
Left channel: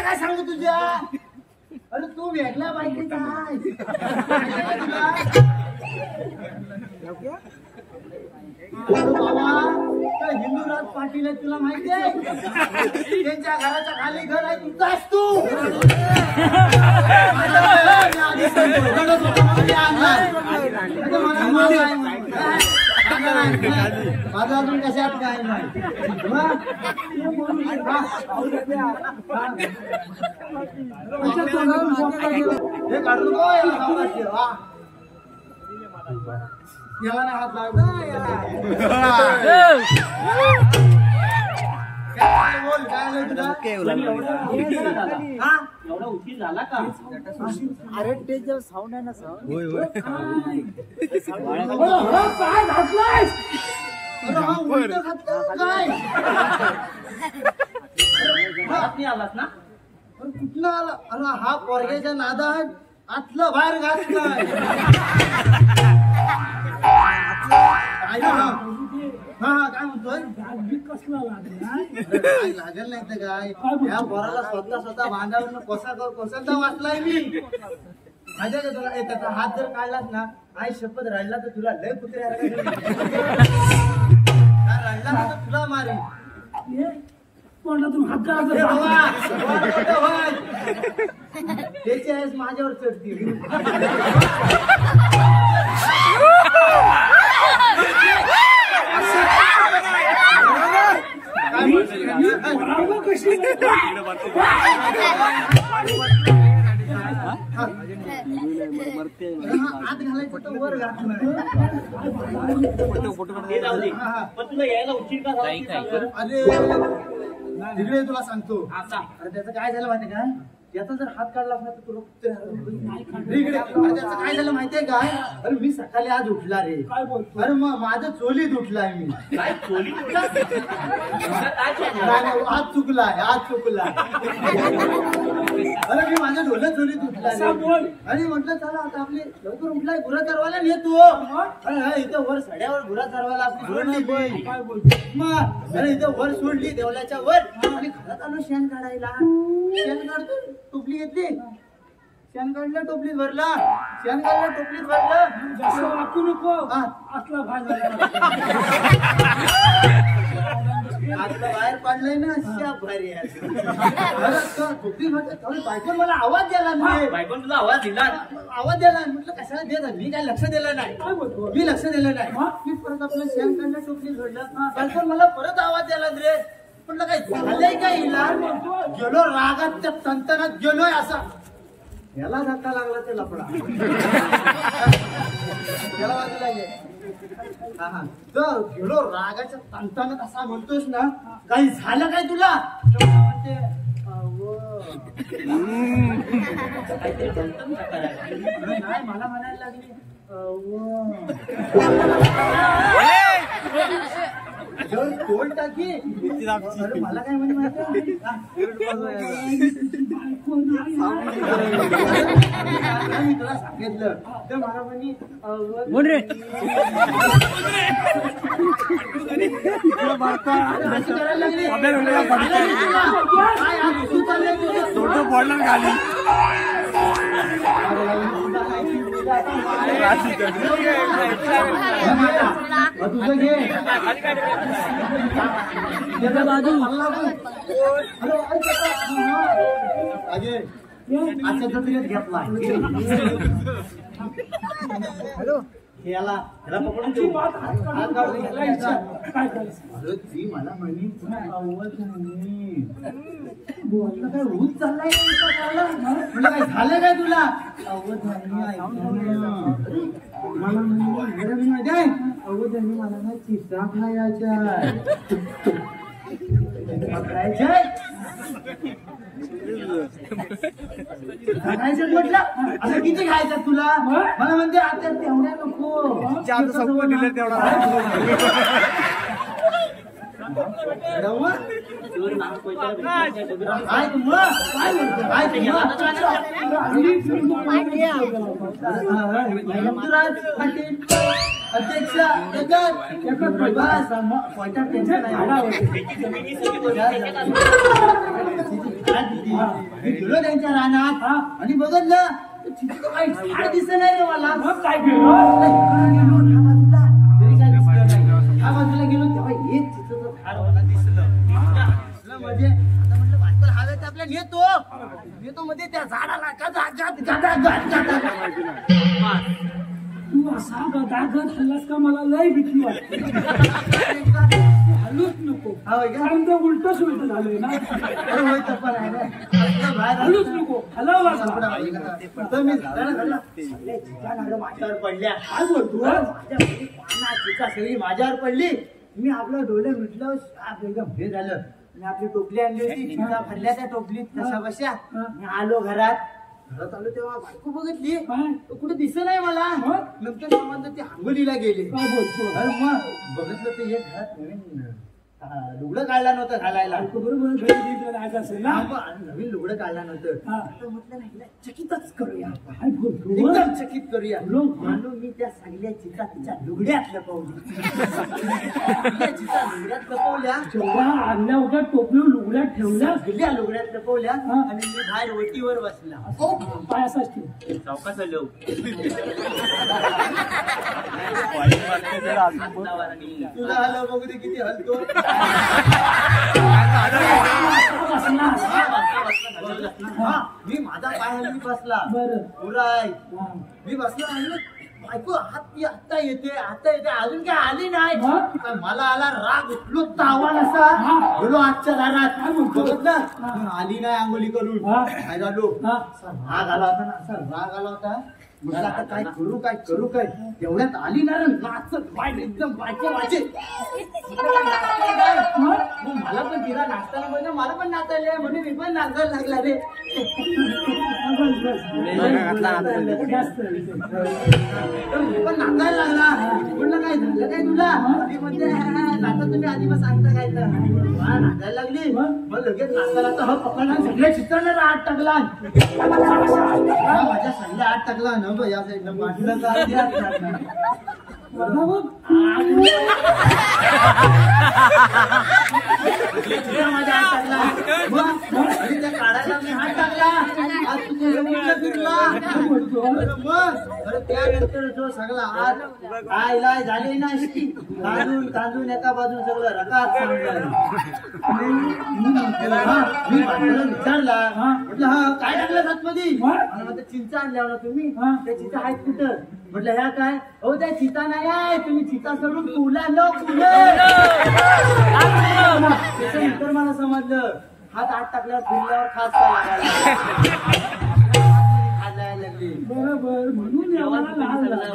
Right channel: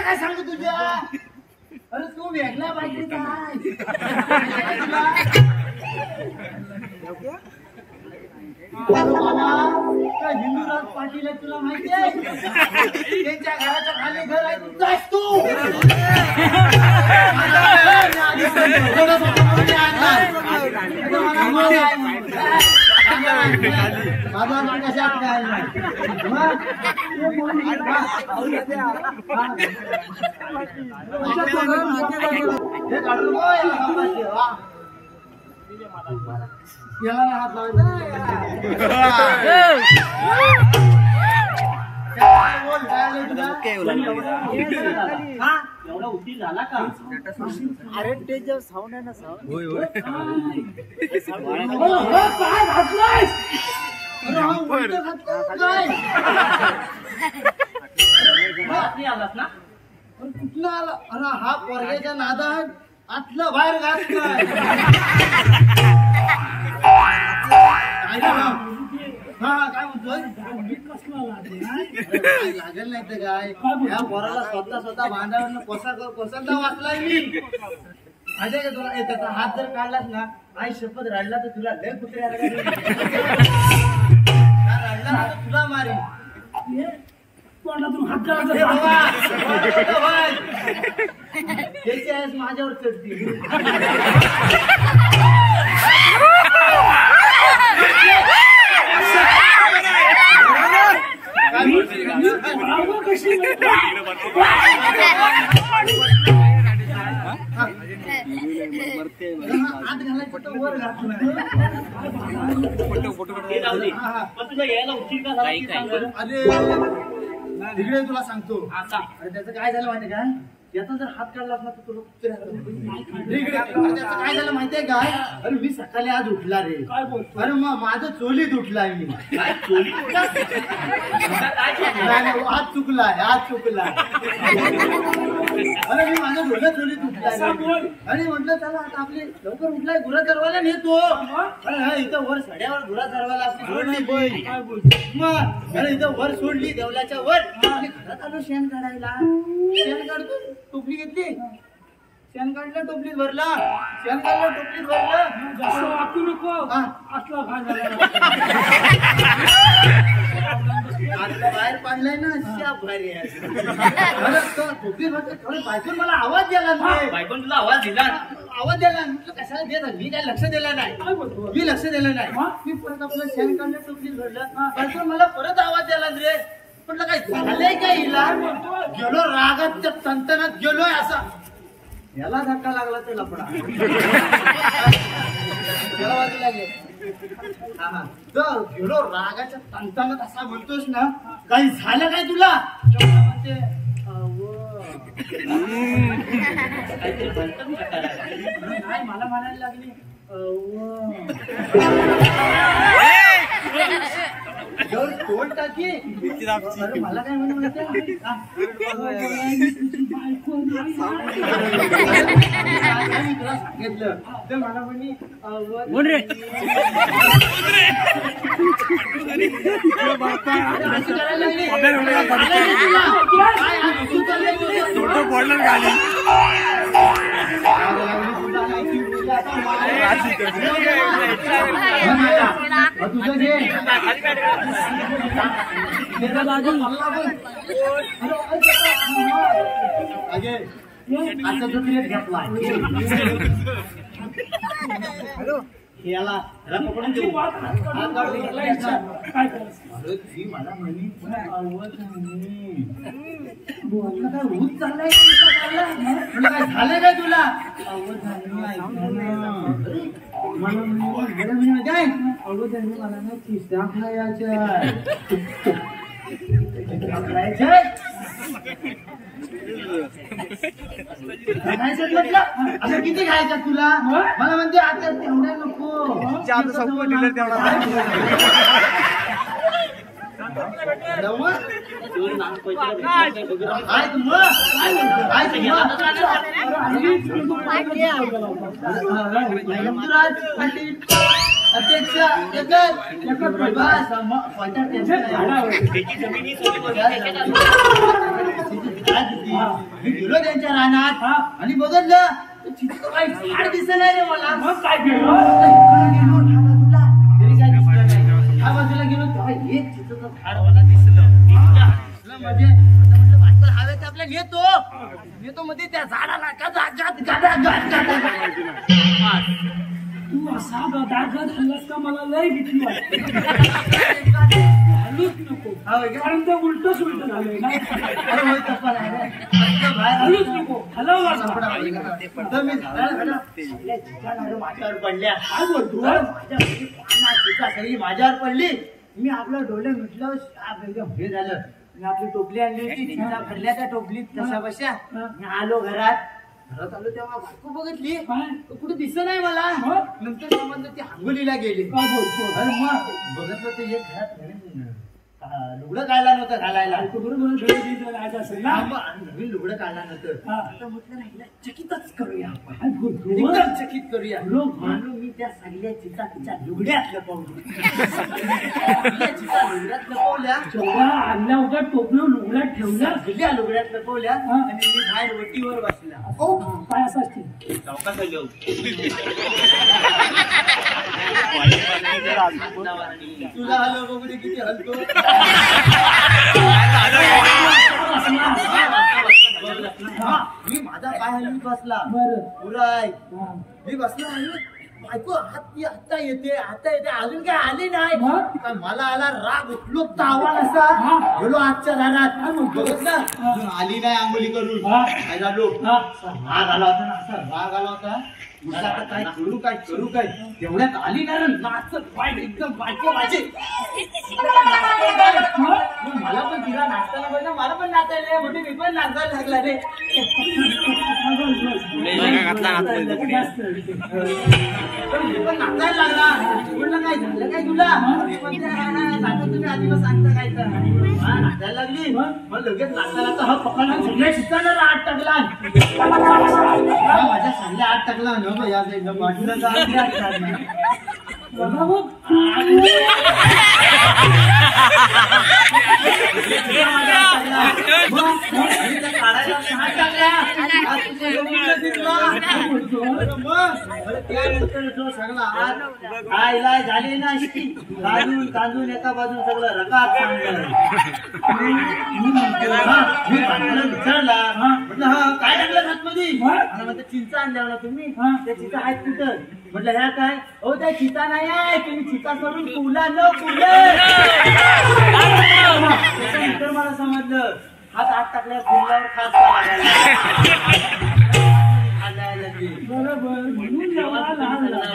काय सांगू तुझ्या अरे तू वेगळा पाहिजे काय बाबा काय हिंदूराज पाटील आहे तुला माहिती आहे त्यांच्या घराच्या खाली घर आहे तू जास तू माझा अजून कशात काय नाही हे काढून याला नाही हात लावायचा बोल काय आलं तुला हा एवढा उशीर झाला का अरे ते जेव्हा साऊंड आहे ना साऊंड होय होय काय घातलाय उलटं घातलं काय बातमी आलास ना अरे कुठलं आला अरे हा पोरग्याच्या नादात आतलं बाहेर घातलंय हा काय म्हणतोय कसला लागला काय लागेल नाही तर काय या पोराला स्वतः बांधावर कोसलता वाचलाय मी माझ्या का तुला त्याचा हात जर काढलास ना आई शपथ रडला तर तुला लय कुत्रे रडला ना तर तुला मारी तोंडातून हात काढा त्याची आहेस माझ्यावर चढती कशी आत घालायचं तर वर घातलं ते जाऊ दे पण तुला यायला उशीर का झाला ते सांग बरं. अरे तिकडे तुला सांगतो हा सांग अरे त्याचं काय झालं माहितीये का याचा जर हात काढला असला तर तुला कुत्रे इकडे अरे त्याचं काय झालं माहितीये का अरे मी सकाळी आज उठला रे काय बोलतो अरे मग माझं चोलीत उठलाय मी काय चोरी नाही, नाही, आज चुकलाय अरे मी माझ्या डोळ्यात चोलीत उठलाय असा बोल. अरे म्हटलं चला आता आपले लवकर उठलाय गुरा चरवायला नेतो अरे हा इथं वर सड्यावर गुरा चरवायला आपली सोडली मी काय बोलतो मग अरे इथं वर सोडली देवलाच्या वर आणि घरात आलो शेण काढायला शेण काढतो टोपली घेतली शेण काढलं टोपलीत भरला शेण काढलं टोपलीत भरलं जास्त वाकू नको हा. असला फायदा आता बाहेर पडलाय ना अशा भारी आहे. अरे तो टोपलीत भरते थोडी बायकोन मला आवाज द्याला नाही बायकोन तुला आवाज दिला आवाज द्याला म्हटलं कशाला देत मी काय लक्ष दिलं नाही काय बोलतो मी लक्ष दिलं नाही हा? मी परत आपलं शेण काढलं टोपलीत भरलं बायकोन मला परत आवाज द्याला रे म्हटलं काय झालंय का हिला गेलो रागाच्या तंतनात गेलोय असा याला धक्का लागला ते लपडा याला वाजू लागेल हा हा तर गेलो रागाच्या तंतनात असा म्हणतोस ना काही झालं काय तुला तर मला म्हणते नाही मला म्हणायला लागली जवळ तोल टाकी अरे मला काय म्हणे माहिती मी तुला सांगितलं तर मला म्हणे अशी करायला लागली तुला काय तू चाललंय तुझं घे बाजू आता तुला घेतला याला पकडून देऊ काय करायचं अरे ती मला म्हणे काय रोज चाललाय म्हटलं काय झालं काय तुला मला काय अवधानी मला ना चिसा खायच्या खायचं म्हटलं असं किती खायच्यात तुला मला म्हणते आता तेवढ्या नको अध्यक्ष गेलो त्यांच्या रानात आणि बघितलं काही झाड दिसत नाही रे मला मग काय केलं गेलो ह्या बाजूला तरी काय दिसलं नाही ह्या बाजूला गेलो तेव्हा एक चित्रचं झाड मला दिसलं म्हणजे आता म्हटलं बायकोल हवेत आपल्या नेतो मध्ये त्या झाडाला तू असा गदागद हल्लास का मला लय भीती वाटते हलूच नको कारण ते उलट सुलट झालंय ना हलूच नको हलावला तर मी माझ्यावर पडल्या काय बोलतो सगळी माझ्यावर पडली मी आपलं डोळे मिटलं एकदम हे झालं मी आपली टोपली आणली होती चिंता भरल्या त्या टोपलीत कशा बशा मी आलो घरात घरात आलो तेव्हा बायको बघितली काय? कुठे दिसत नाही मला मग? नंतर समजलं ती हांगोलीला गेली काय बोलतो अरे मग बघितलं ते एक घरात नवीन लुगडं काढला नव्हतं घालायला बायको बरोबर घरी गेली राहायचं असेल ना नवीन लुगडं काढला नव्हतं हा. आता म्हटलं नाही हिला चकितच करूया आपण काय बोलतो एकदम चकित करूया बरोबर. म्हणून मी त्या सगळ्या चिता तिच्या लुगड्यात लपवली सगळ्या चिता लुगड्यात लपवल्या जेव्हा आणल्या होत्या टोपलं लुगड्यात ठेवल्या सगळ्या लुगड्यात लपवल्या हा. आणि मी बाहेर वटीवर बसला काय असं असते चौकात आलो तुला हलव बघू दे किती हलतो हा, मी माझा पाय हलवी बसला बरं पुराय हा. मी बसला आणि बायको आता येते अजून काय आली नाही मग? काय मला आला राग उठलो तावाल असा हा. गेलो आजच्या दारात काय बोलतो? बघितलं अजून आली नाही आंघोळी करून हा. काय झालो हा. असा राग आला होता ना असा राग आला होता म्हटलं आता काय करू काय तेवढ्यात आली ना रे, नाचत बाय एकदम बायको माझे मला पण तिला नाचताना पाहिजे मला पण नाचायला म्हणजे मी पण नाचायला लागला रे मी पण नाचायला लागला म्हटलं काय झालं काय तुला ती म्हणते नाटक तुम्ही आधीपासून सांगता काय तर हा नाचायला लागली मग लगेच नाचायला तर हा पकडला सगळे शिकायला आत टाकला हा माझ्या सांगल्या आत टाकला न बा या साईडनं वाटलं तर आत टाकला माझ्या हात टाकला मग काढायला मी हात टाकल्या आज तुझे जमिनीला फिरला मग त्यानंतर जो सगळा हात आयलाय झाली ना अशी तांदून एका बाजून सगळं रकात सांगलं मी बायकोला विचारला म्हटलं हा काय टाकलं आतमध्ये म्हणलं चिंचा आणल्या ना तुम्ही त्या चिंचा आहेत कुठं म्हटलं ह्या काय हो त्या चिता नाही आहे तुम्ही चिता सोडून पुला न पुले त्याच्यानंतर मला समजलं हात आत टाकल्यावर फुलल्यावर खास बरोबर म्हणून एवढा लहान झाला.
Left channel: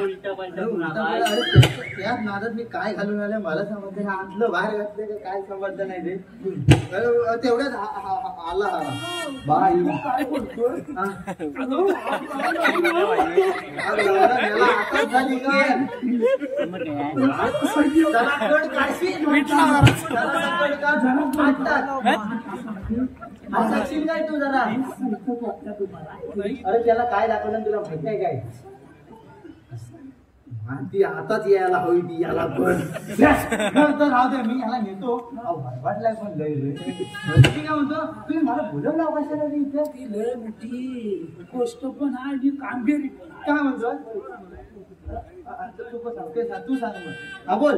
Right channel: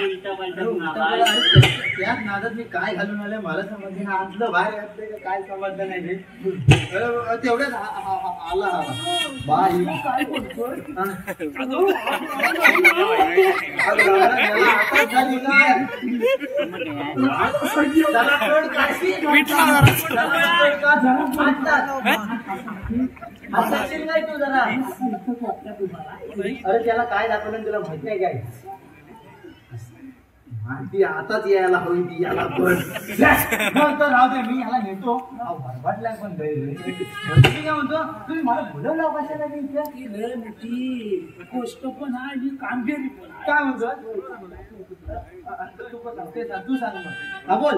त्याच नादात मी काय घालून आलं मला समजलं हे आतलं बाहेर घातलंय का काय समजलं नाही रे तेवढ्यात आला बाई काय बोलतो आता झाली काय त्याला कड काढशी असं काय तू जरा अरे त्याला काय दाखवलं तुला माहित नाही काय ती आताच यायला हवी ती याला पण तर राहू दे मी याला नेतो वाटलाय पण तुम्ही काय म्हणतो तुम्ही मला बोलवलं कशाला रे इथे ती लय मोठी गोष्ट पण आहे आणि कामगिरी पण आहे. काय म्हणतो तू सांग मग हा बोल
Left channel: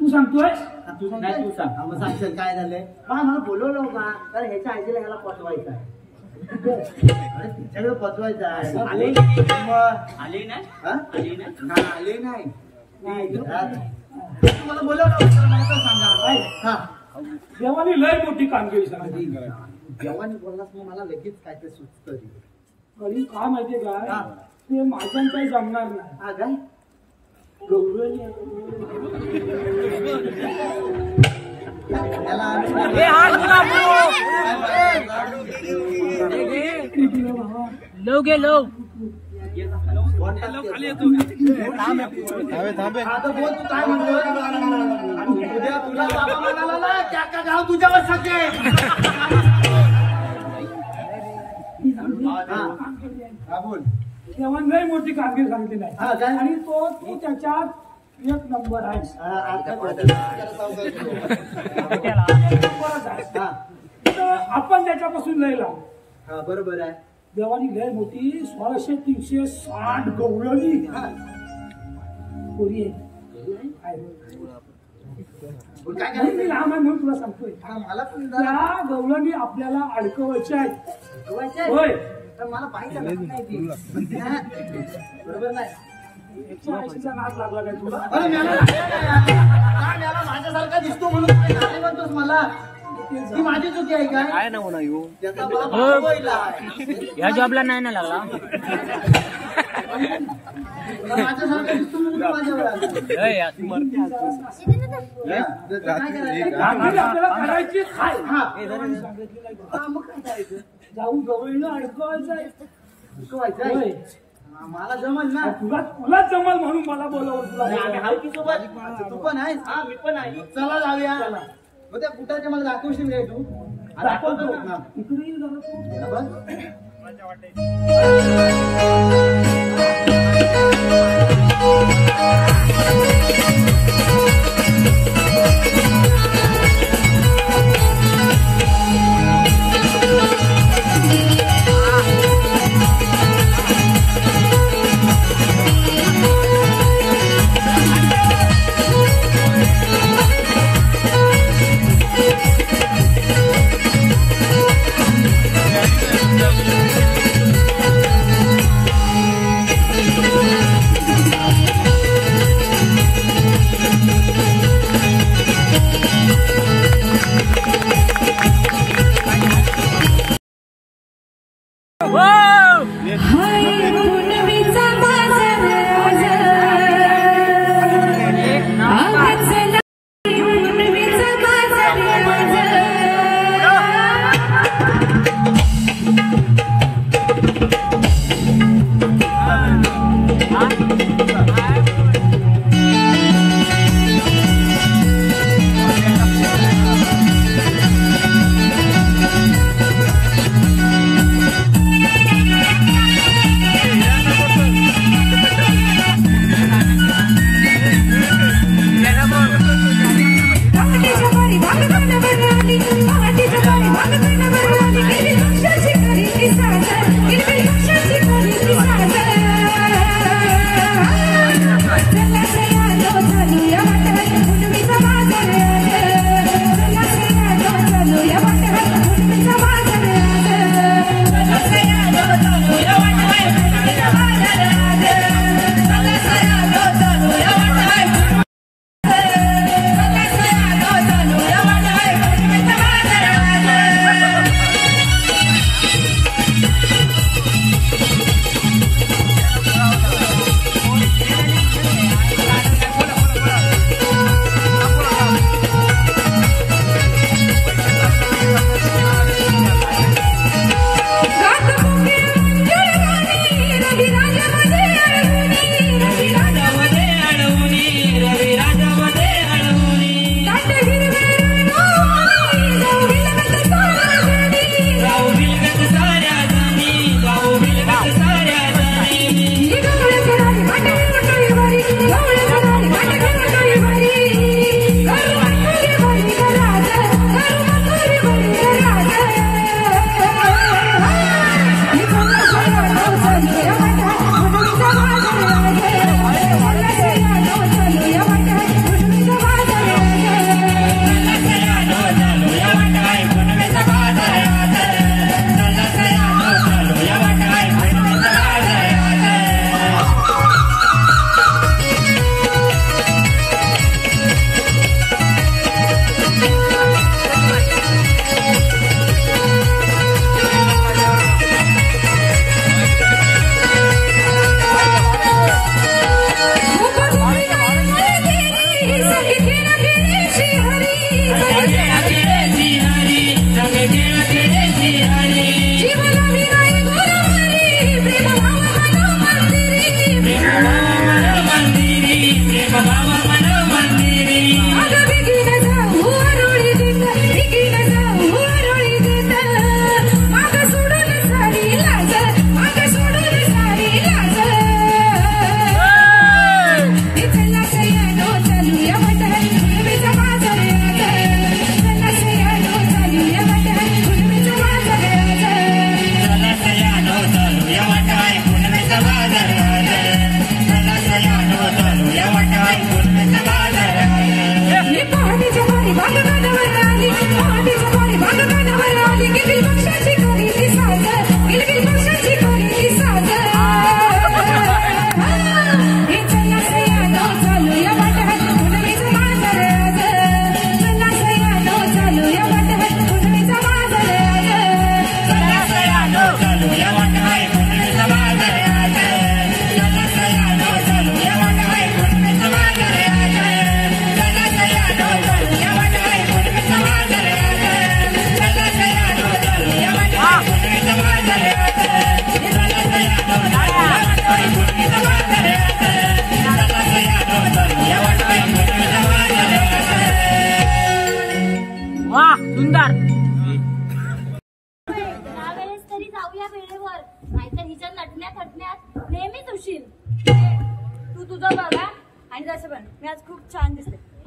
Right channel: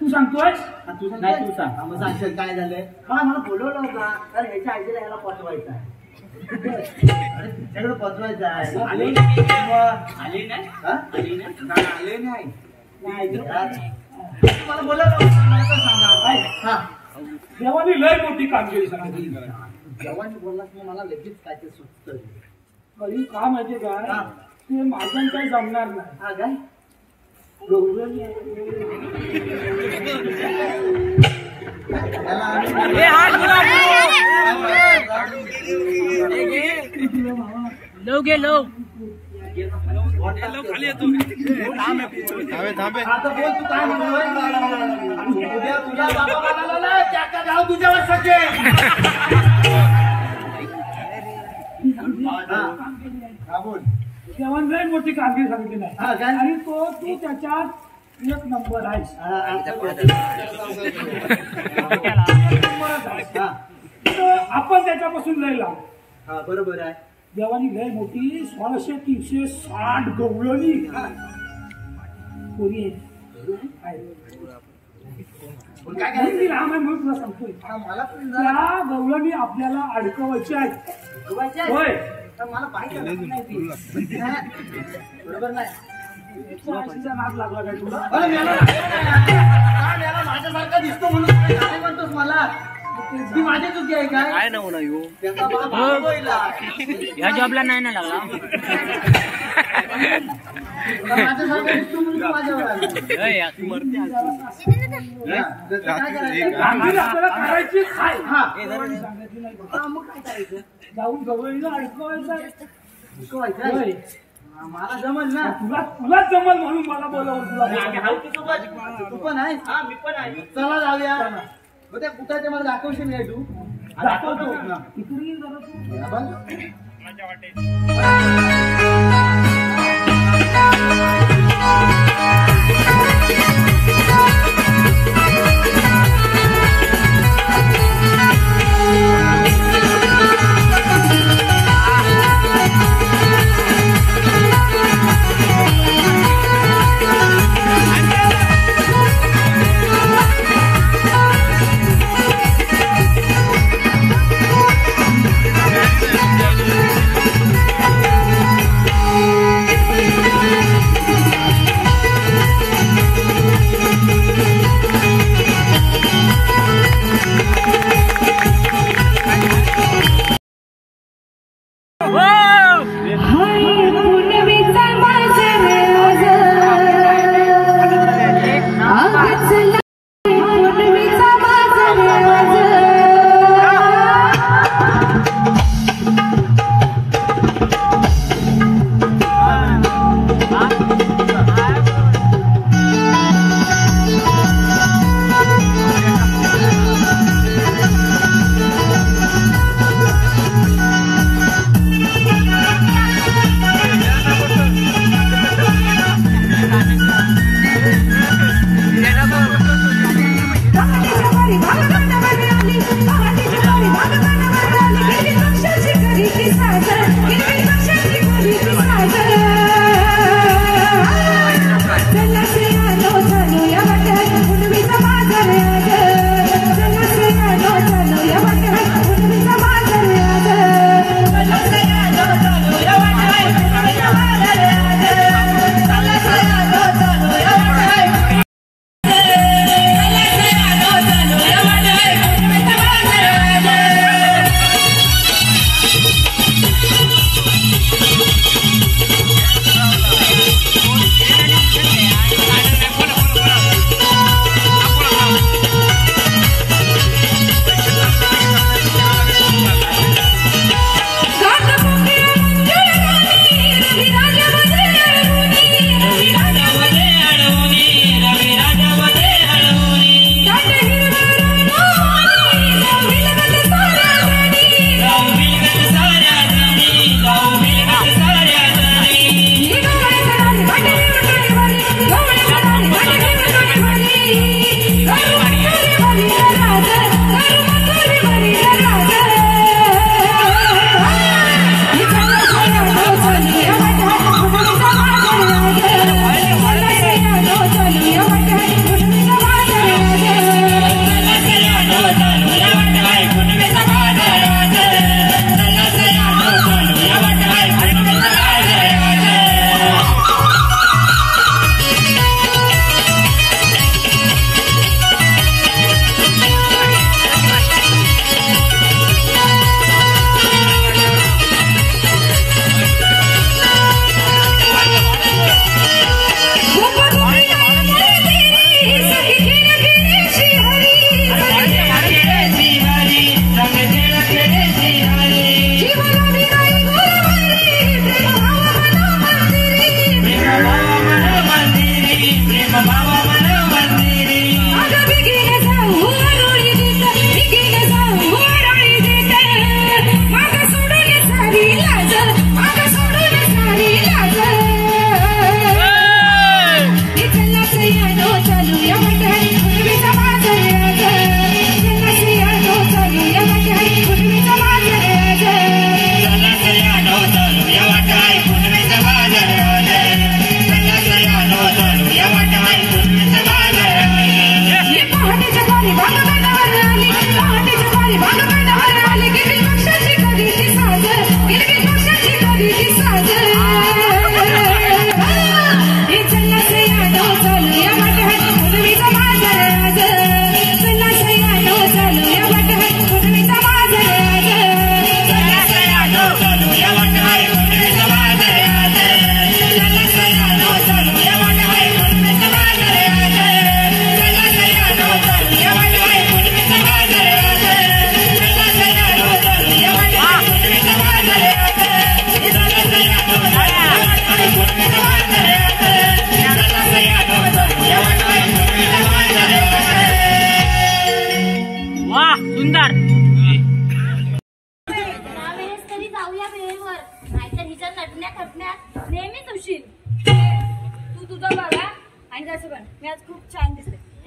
तू सांगतोय तू सांग नाही तू सांग मग सांगशील काय झालंय मला बोलवलं होता कारण ह्याच्या आईला ह्याला पोचवायचं आहे अरे तुझ्याकडे पोचवायचं आहे आले आले नाही हा? आले नाही नाही आले नाही तुम्हाला बोलवलं होतं मला तर सांगा काय हा देवानी लय मोठी कामगिरी सांगितली जेव्हा बोललास मग मला लगेच काय ते सुचतं कधी का माहितीये काय हा. ते माझं काही जमणार नाही हा काय गौरव आता बोल तू काय म्हणतोय उद्या तुझ्या बाबा म्हणाला ना त्या गाव तुझ्यावर सगळे हा बोल देवान लय मोठी कामगिरी सांगितली हा, नाही काय? आणि तो त्याच्यात एक नंबर आहे हा तर आपण त्याच्यापासून लय लाव हा बरोबर आहे देवानी लय मोठी 1660 गवळणी कोणी आहे बोल, काय आणि करायचं ती लहान आहे म्हणून तुला सांगतोय हा मला पण जरा त्या गवळणी आपल्याला अडकवायच्या आहेत शिकवायचं आहे. होय तर मला पाहिजे नाही ती. हा. बरोबर नाही त्या आईचा नाद लागला काय तुला अरे मेला काय मेला माझ्यासारखा दिसतो म्हणून तुला गाणे म्हणतोस मला ती माझी चुकी आहे काय ना होणार येऊ त्याचा मला भाव होईला. ह्या जॉबला नाही ना लागला तुला माझ्यासारखा दिसतो म्हणून तू माझ्यावर आला. हा, त्याचं काय करायचं? कामगिरी आपल्याला करायची आहे हा. सांगितली नाही हा, मग काय करायचं? जाऊन गवळीनं अडकवायचं आहे होय. मला जमल ना. तुला जमल म्हणून मला बोलावलं तुला. आम्ही हाऊ की सोबत. तू पण आहेस. हा मी पण आहे. चला जाऊया. चला. मग त्या कुठाचे मला दाखवशील नाही तू. दाखवतो. हा. इकडे ये जरा तू. बघ.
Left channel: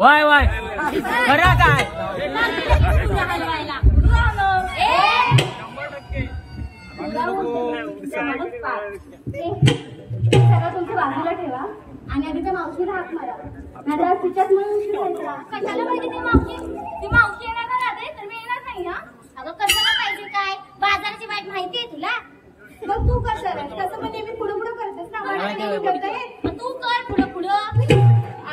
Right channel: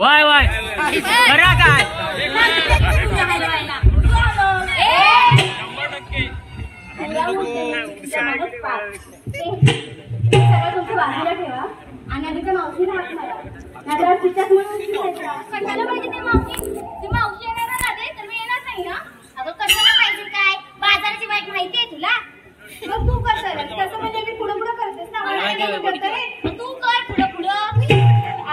वय वय खरं काय तुमच्या बाजूला ठेवा आणि आधी त्या मावशीला हात मारा नाहीतर तिच्यात म्हणून कशाला पाहिजे ती मावशी येणार ना राहते तर मी येणार नाही ना अगं कशाला पाहिजे काय बाजाराची वाईट माहिती आहे तुला मग तू कर सर तसं म्हणजे मी पुढे पुढे करतेस ना तू कर पुढे पुढे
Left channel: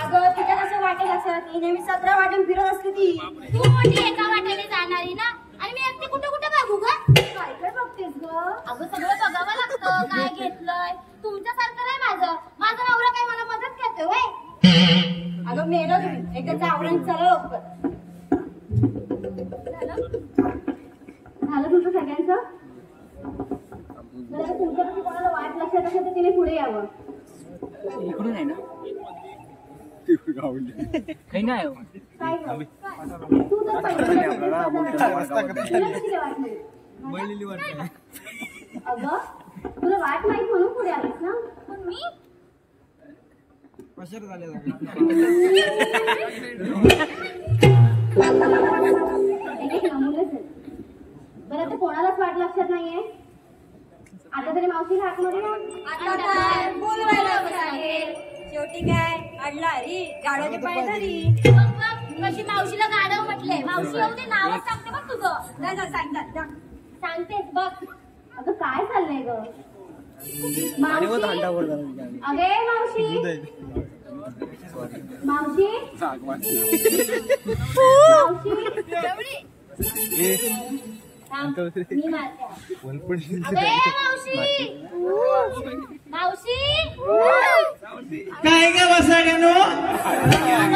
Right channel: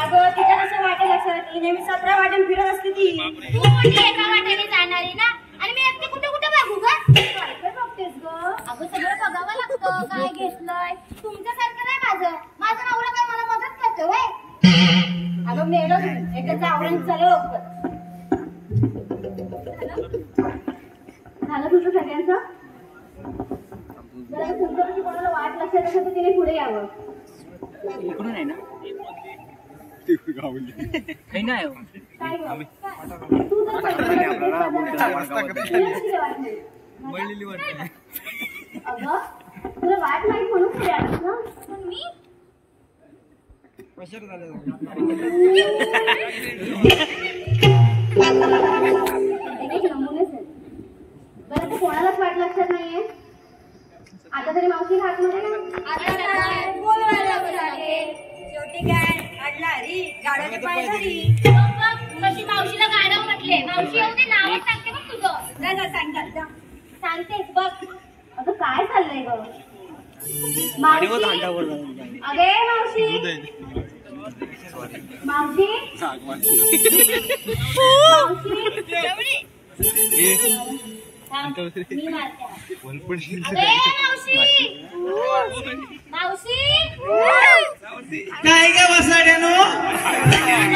अगं तिच्या कसं वाटेल असं ती नेहमी 17 वाटेन फिरत असते ती तू मोठी एका वाटेने जाणारी ना आणि मी एकटी कुठे कुठे बघू ग काय बघतेस ग अगं सगळं बघावं लागतं काय घेतलंय तुमच्यासारखं नाही माझा नवरा काय मला मदत करतोय होय अगं मेलो तुम्ही एकाचं आवरण चला लवकर झालं तुझं सगळ्यांचं जर तुमच्यापाशी कोणाला वाट लक्षात असेल तर तिने पुढे यावं इकडून आहे ना काही नाही काय गं? तू तर अगं तुला वाट माहित म्हणून पुढे आलीस ना पण मी बरं ते कोणालाच वाट लक्षात नाहीये आता तरी मावशी हात मध्ये शेवटी काय अडला हरी गाड्याचे पाय धरी कशी मावशीला गाडव म्हटले मावशी येऊ दे नावच सांगते बघ तुझं सांगतात सांगतेस बघ अगं काय चाललंय ग मावशी अगे मावशी मी मारते अगे मावशी काय का बसाड्यानो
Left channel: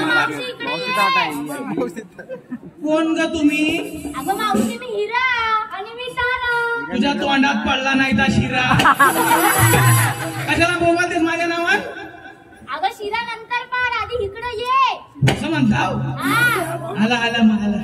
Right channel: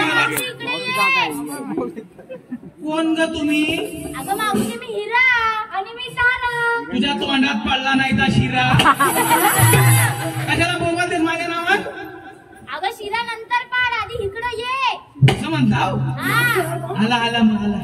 मावशी इकडे ये कोण ग तुम्ही अगं मावशी मी हिरा आणि मी ताना तुझ्या तोंडात पडला नाही तर शिरा कशाला बोलतेस माझ्या नावात अगं शिरा नंतर पाड आधी इकडे ये असं म्हणताव हा आला आला मग आला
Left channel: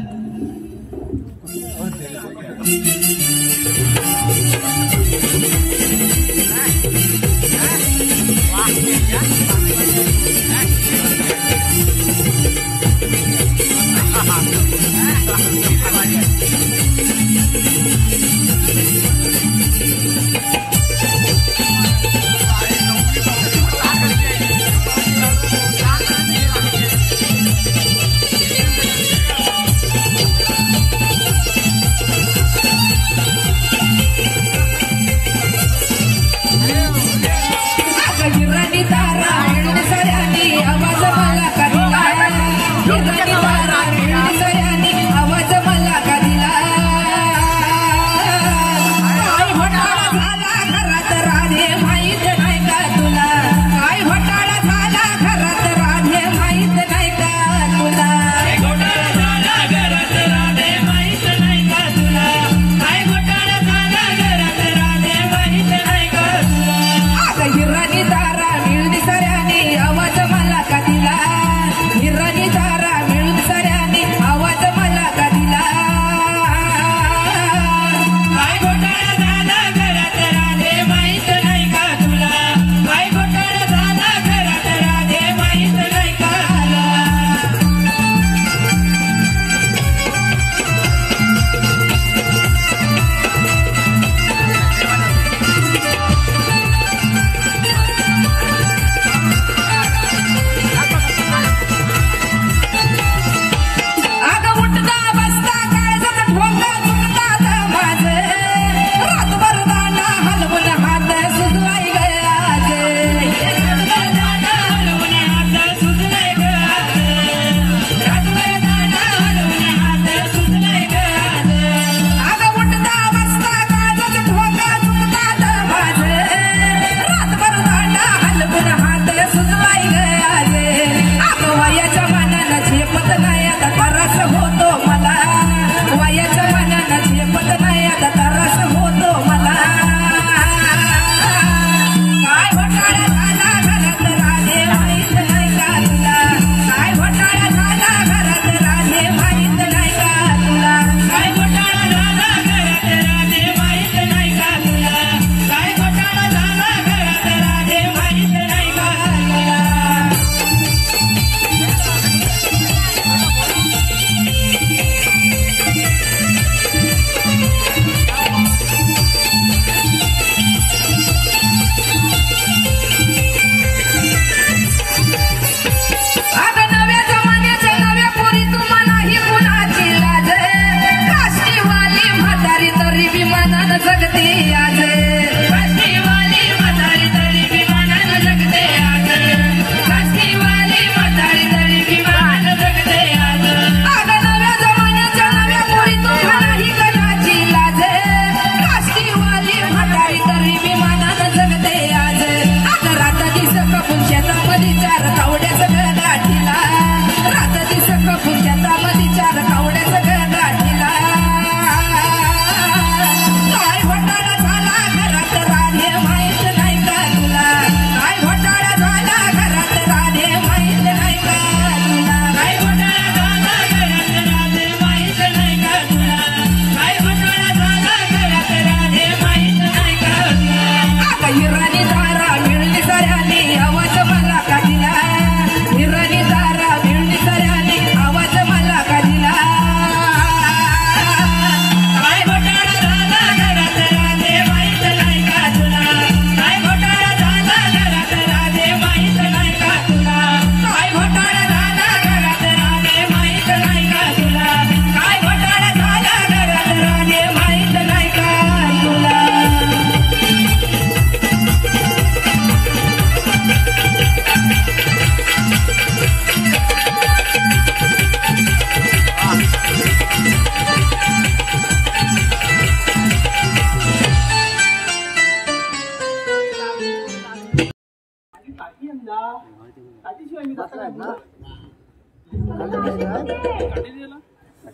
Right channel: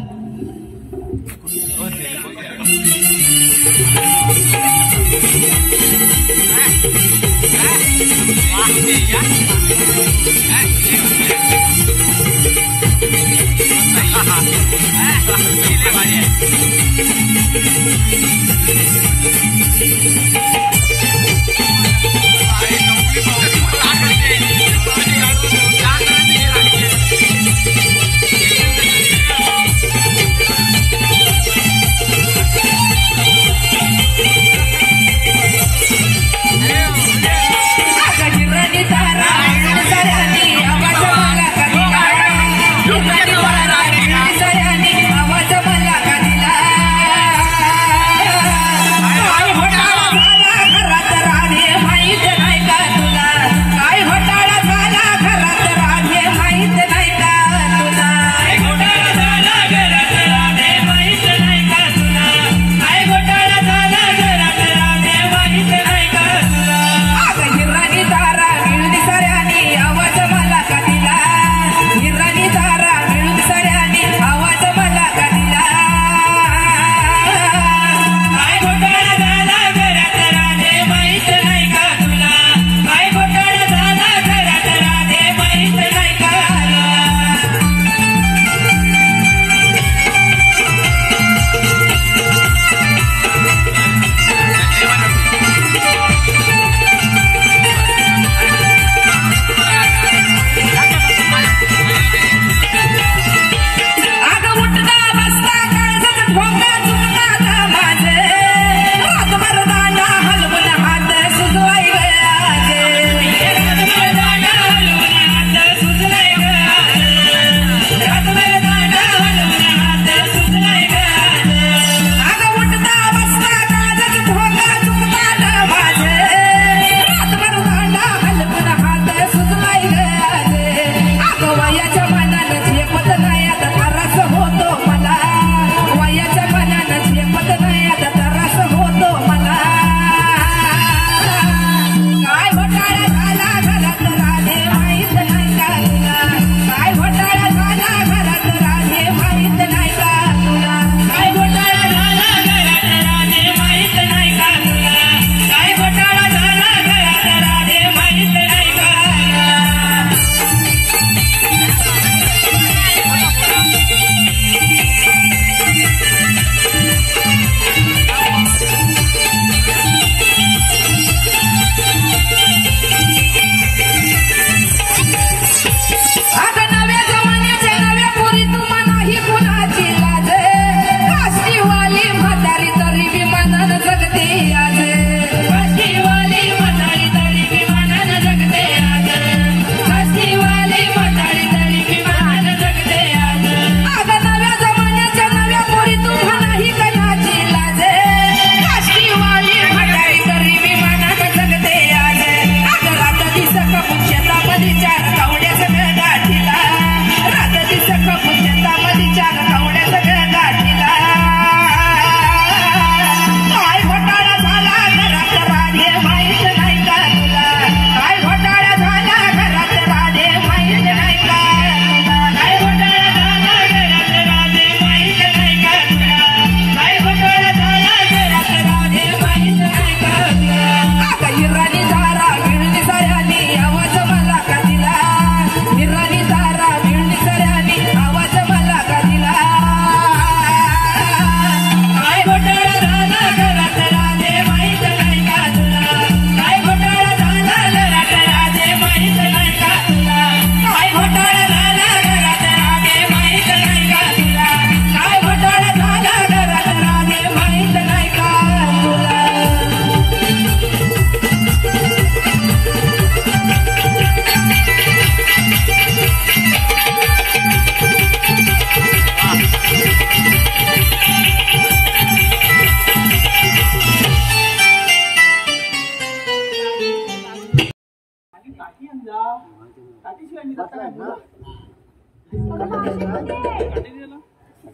आवाज मला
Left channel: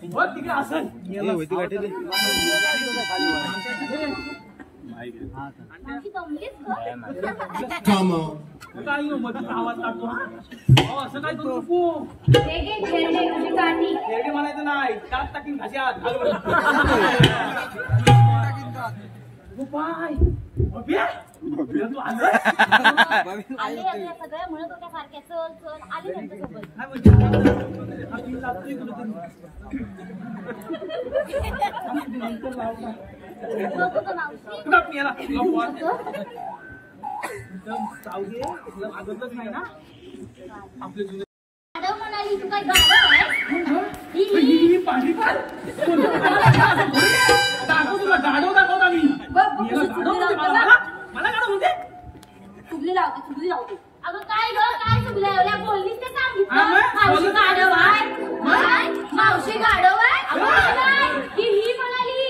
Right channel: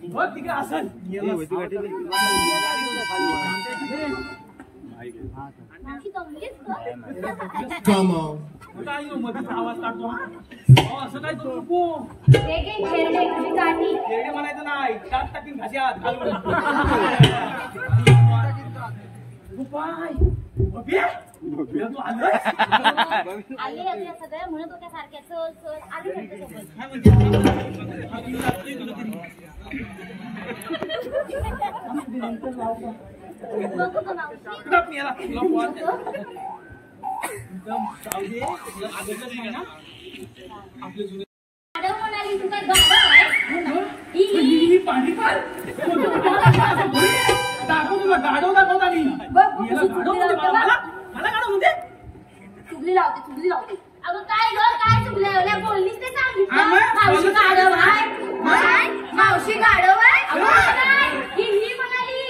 हो तिकडे असन मावशी दमलीस का? काय मध्येच आवाज काढतो हा अहो, असं काय करू नको हे घे खेळणे काठी. खेळणे म्हणायचं नाही दात टाकीन घाशात घालून पाय तू आलं आले आपल्या सगळ्या म्हणत होत्या सारख्या चल चल आले त्यांच्यासोबत. काय म्हणते हा पिऊन लागतोय तुला तरी नंतर लाव का बघू का मावशी? तुला पियाला तुला पोहात एकदम जाऊ दे तुला लागतच नाही ना आपले जुने गाढव म्हणाली तू काय गाढव आहे? ही पांढरी पाल दाखव तुला गाढव दाखवता मी बघ, बघ, याला कशी गाढव चुगली म्हणते लावते मला बघ. मला गाढव म्हणते चुगली लावते. अगं काय ग काय चुगल्या एवढ्या बोललीस ते हा, मग? सांगितलं. मावशी बोलत गाढव नाही. आहे. काय? मावशी गाढव आहे? अगं काय? ही म्हणाली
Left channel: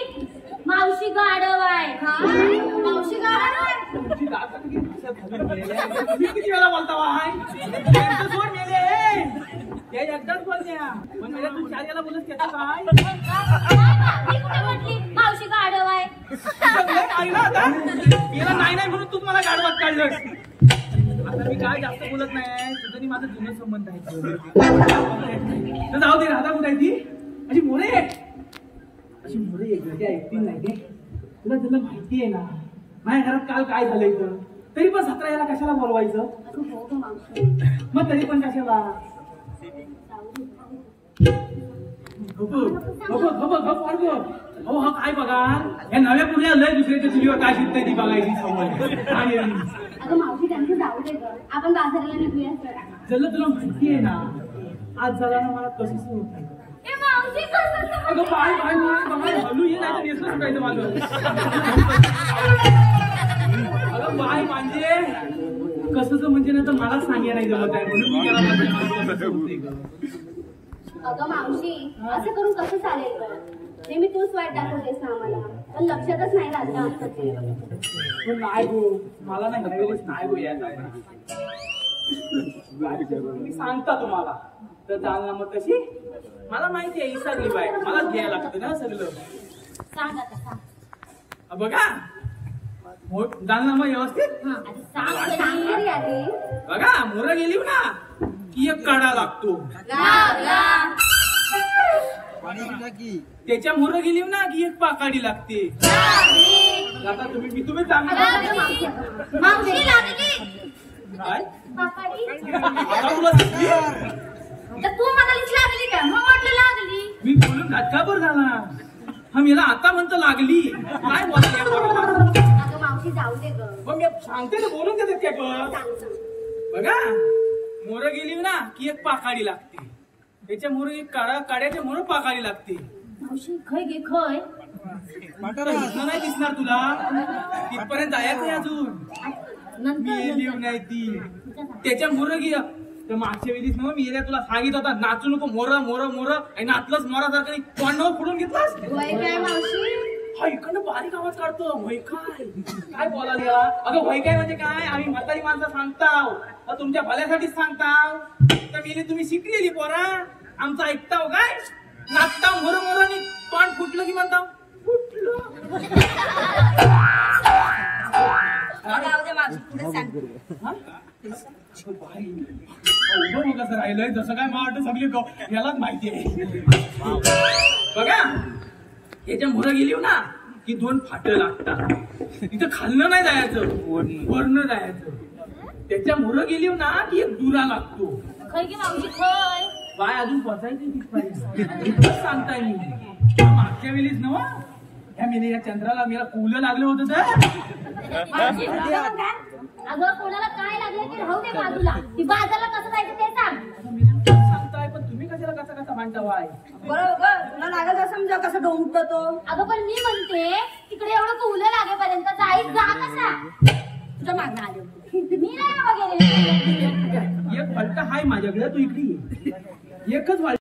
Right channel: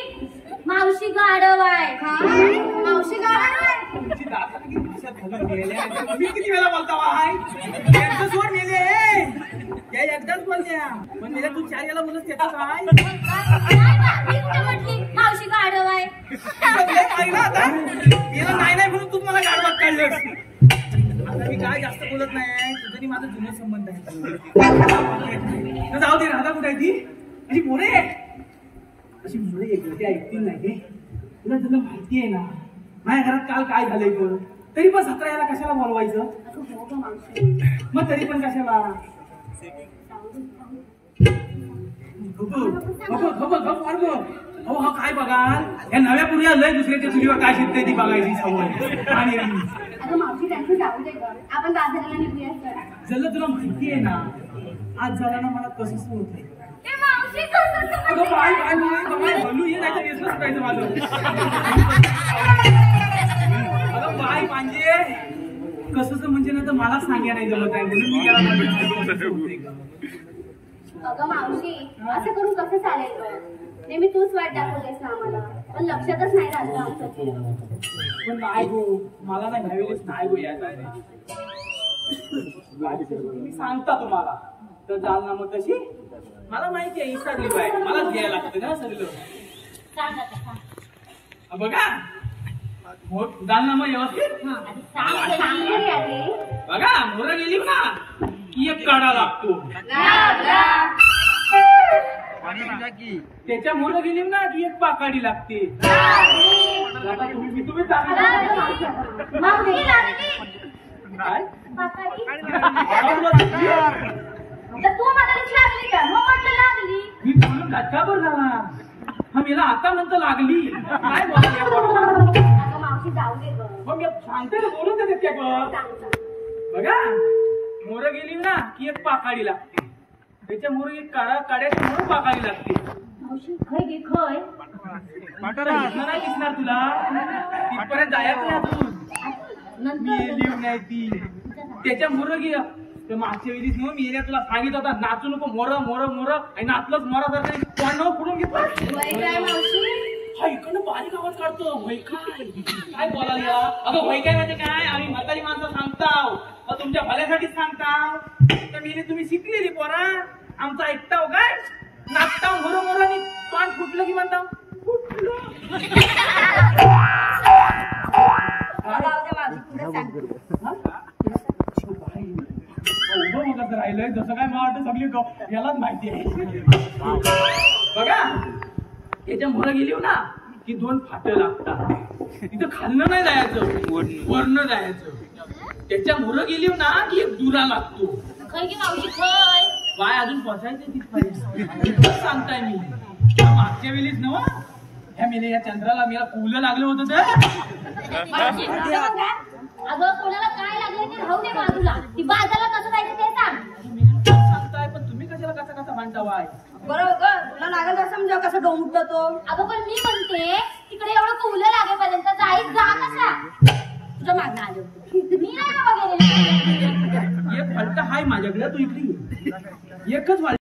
मावशी गाढव आहे. काय? मावशी गाढव आहे? तुमची दात किती दिवसात घालून गेल्या तुम्ही किती वेळा बोलता वाय त्यांचं सोड मेले त्या एकदाच बोलत्या पण मेल्या तू चार याला बोलत त्याचं काय काय बा? मी कुठे म्हटली मावशी गाढव आहे? लय मारी ना आता गेला नाही म्हणून तू मला गाडवात काढलंस आता मी काय जास्त बोलत नाही तुझं आणि माझा जुना संबंध आहे तर जाऊ दे राधा कुठे आहे ती अशी मोरे एकटी ऐकतील नाही ते तुला तुला माहिती आहे ना माझ्या घरात काल काय झालंय तर तरी पण 17 याला कशाला बोलवायचं अगं हो ग मावशी. मग तरी पण कशाला हो हा काय बघाल या नव्या पुऱ्या लय दुसऱ्याच्या चुलीवर काय शिकताय ती बघायची सवय आणि अगं मावशी त्यांचं जाऊ दे ग. आपण बाजाराला निघूया सर. जल्लं तुला माहिती आहे ना आज जरा ना मला कसं होत आहे ए मावशी कसं अगं बाय बाय बाय बाय हलू ये नाही तर नेसलं सुटायचं माझं अगं बाय म्हणजे कसंच म्हणजे ना तर मलाच सांगायला नाही जमत आहे म्हणून मी त्याला माझं कसं होतंय गं. अगं मावशी असं करून कसं चालेल ग? नेहमी तूच वाट दाखवतेस ना आम्हाला पण लक्षातच नाही राहत आमचं ते. पण नाही गो मला नाही ह्यावेळेस नाही गो यायचं आहे ना मी सांगता तुम्हाला तर जालना मग तशी मला माहिती आहे इसरली बाय मला घ्यायला लागतं ना सगळं सांग आता सांग. बघा हो जालना मग व्यवस्थित आधी सांग कधी अरे. बघा मोर गेली ना की एक काढा लागतो त्याच्या मोर गेली ना की एक पाकाडी लागते आता तुम्ही चांगला मावशी लागली काय पापाडी. आता तुला दिसली? तर तू म्हणालीस लागली का? मग म्हटलं लागली. मी बोलून घटकाभर झाला हा मला आता म्हणतो लागली काय बोलायला अगं मावशी जाऊ दे ग. मग मी सांगते ना बोलून देते काय पण सांग सांग. बघा मोर गेली ना की एक पाकाडी लागते त्याच्या मोर एक काड्याच्या मोर पाकाडी लागते मावशी खय घे खय. दिसणार नाही दिसणार तुला तिथपर्यंत जायचं आहे अजून नंतर लिहून नाही ती त्याच्या मोर गे तर मागच्या वेळीच ना मी तुला सांगित होता नाचू नको मोर मोर मोर आणि नाचलंच मोरासारखं तोंडावर फोडून घेतलास वय काय मावशी? हा इकडनं बारीक आवाज काढतो वय काय बोलायला अगं वय काय म्हणजे काय आम्ही म्हातारी माणसं सांगताव तुमच्या भल्यासाठीच सांगताव तर मी तुम्ही शिकलेली पोरा आमचं ऐकताव काय नाचताव मोर मोर आणि तोंड फुटलं की म्हणताव जाऊ दे मावशी पुढे सांग. उभं मग कसं राहिलंय जसं काय मला वाटतं सगळी यालाच माहिती आहे बघा याच्या मोर गेली ना की 2 फाटं लागतात तिथं खालनं नाही जायचं वरनं जायचं त्याच्या मोर गेली ना की एक दुरा लागतो खय घे मावशी खय. बाय अजून पोचायचं तिथपर्यंत सांगताय मी मागच्या वेळीच नव ह्या मेले या चंद्राला मला कुलं लागलं होतं तर मावशी, अगं कोणाला काय लागलं ते राहू दे बाजूला. ती बाजारला कसं जायचं ते सांग. सांगताय पण तुम्ही कशाला कसा म्हणता वाय बरोबर ग तुला लागत असं म्हणजे कसं डोंबतो तो. अगं पण मी म्हणते तिकडे एवढं कुलं लागेपर्यंत जाईत जा कसा. तुझ्या मागणं आले होते. मी नाही बाबा गेले. एक फलटा हाय माझ्याकडे तू इकडे ये एकच वाढ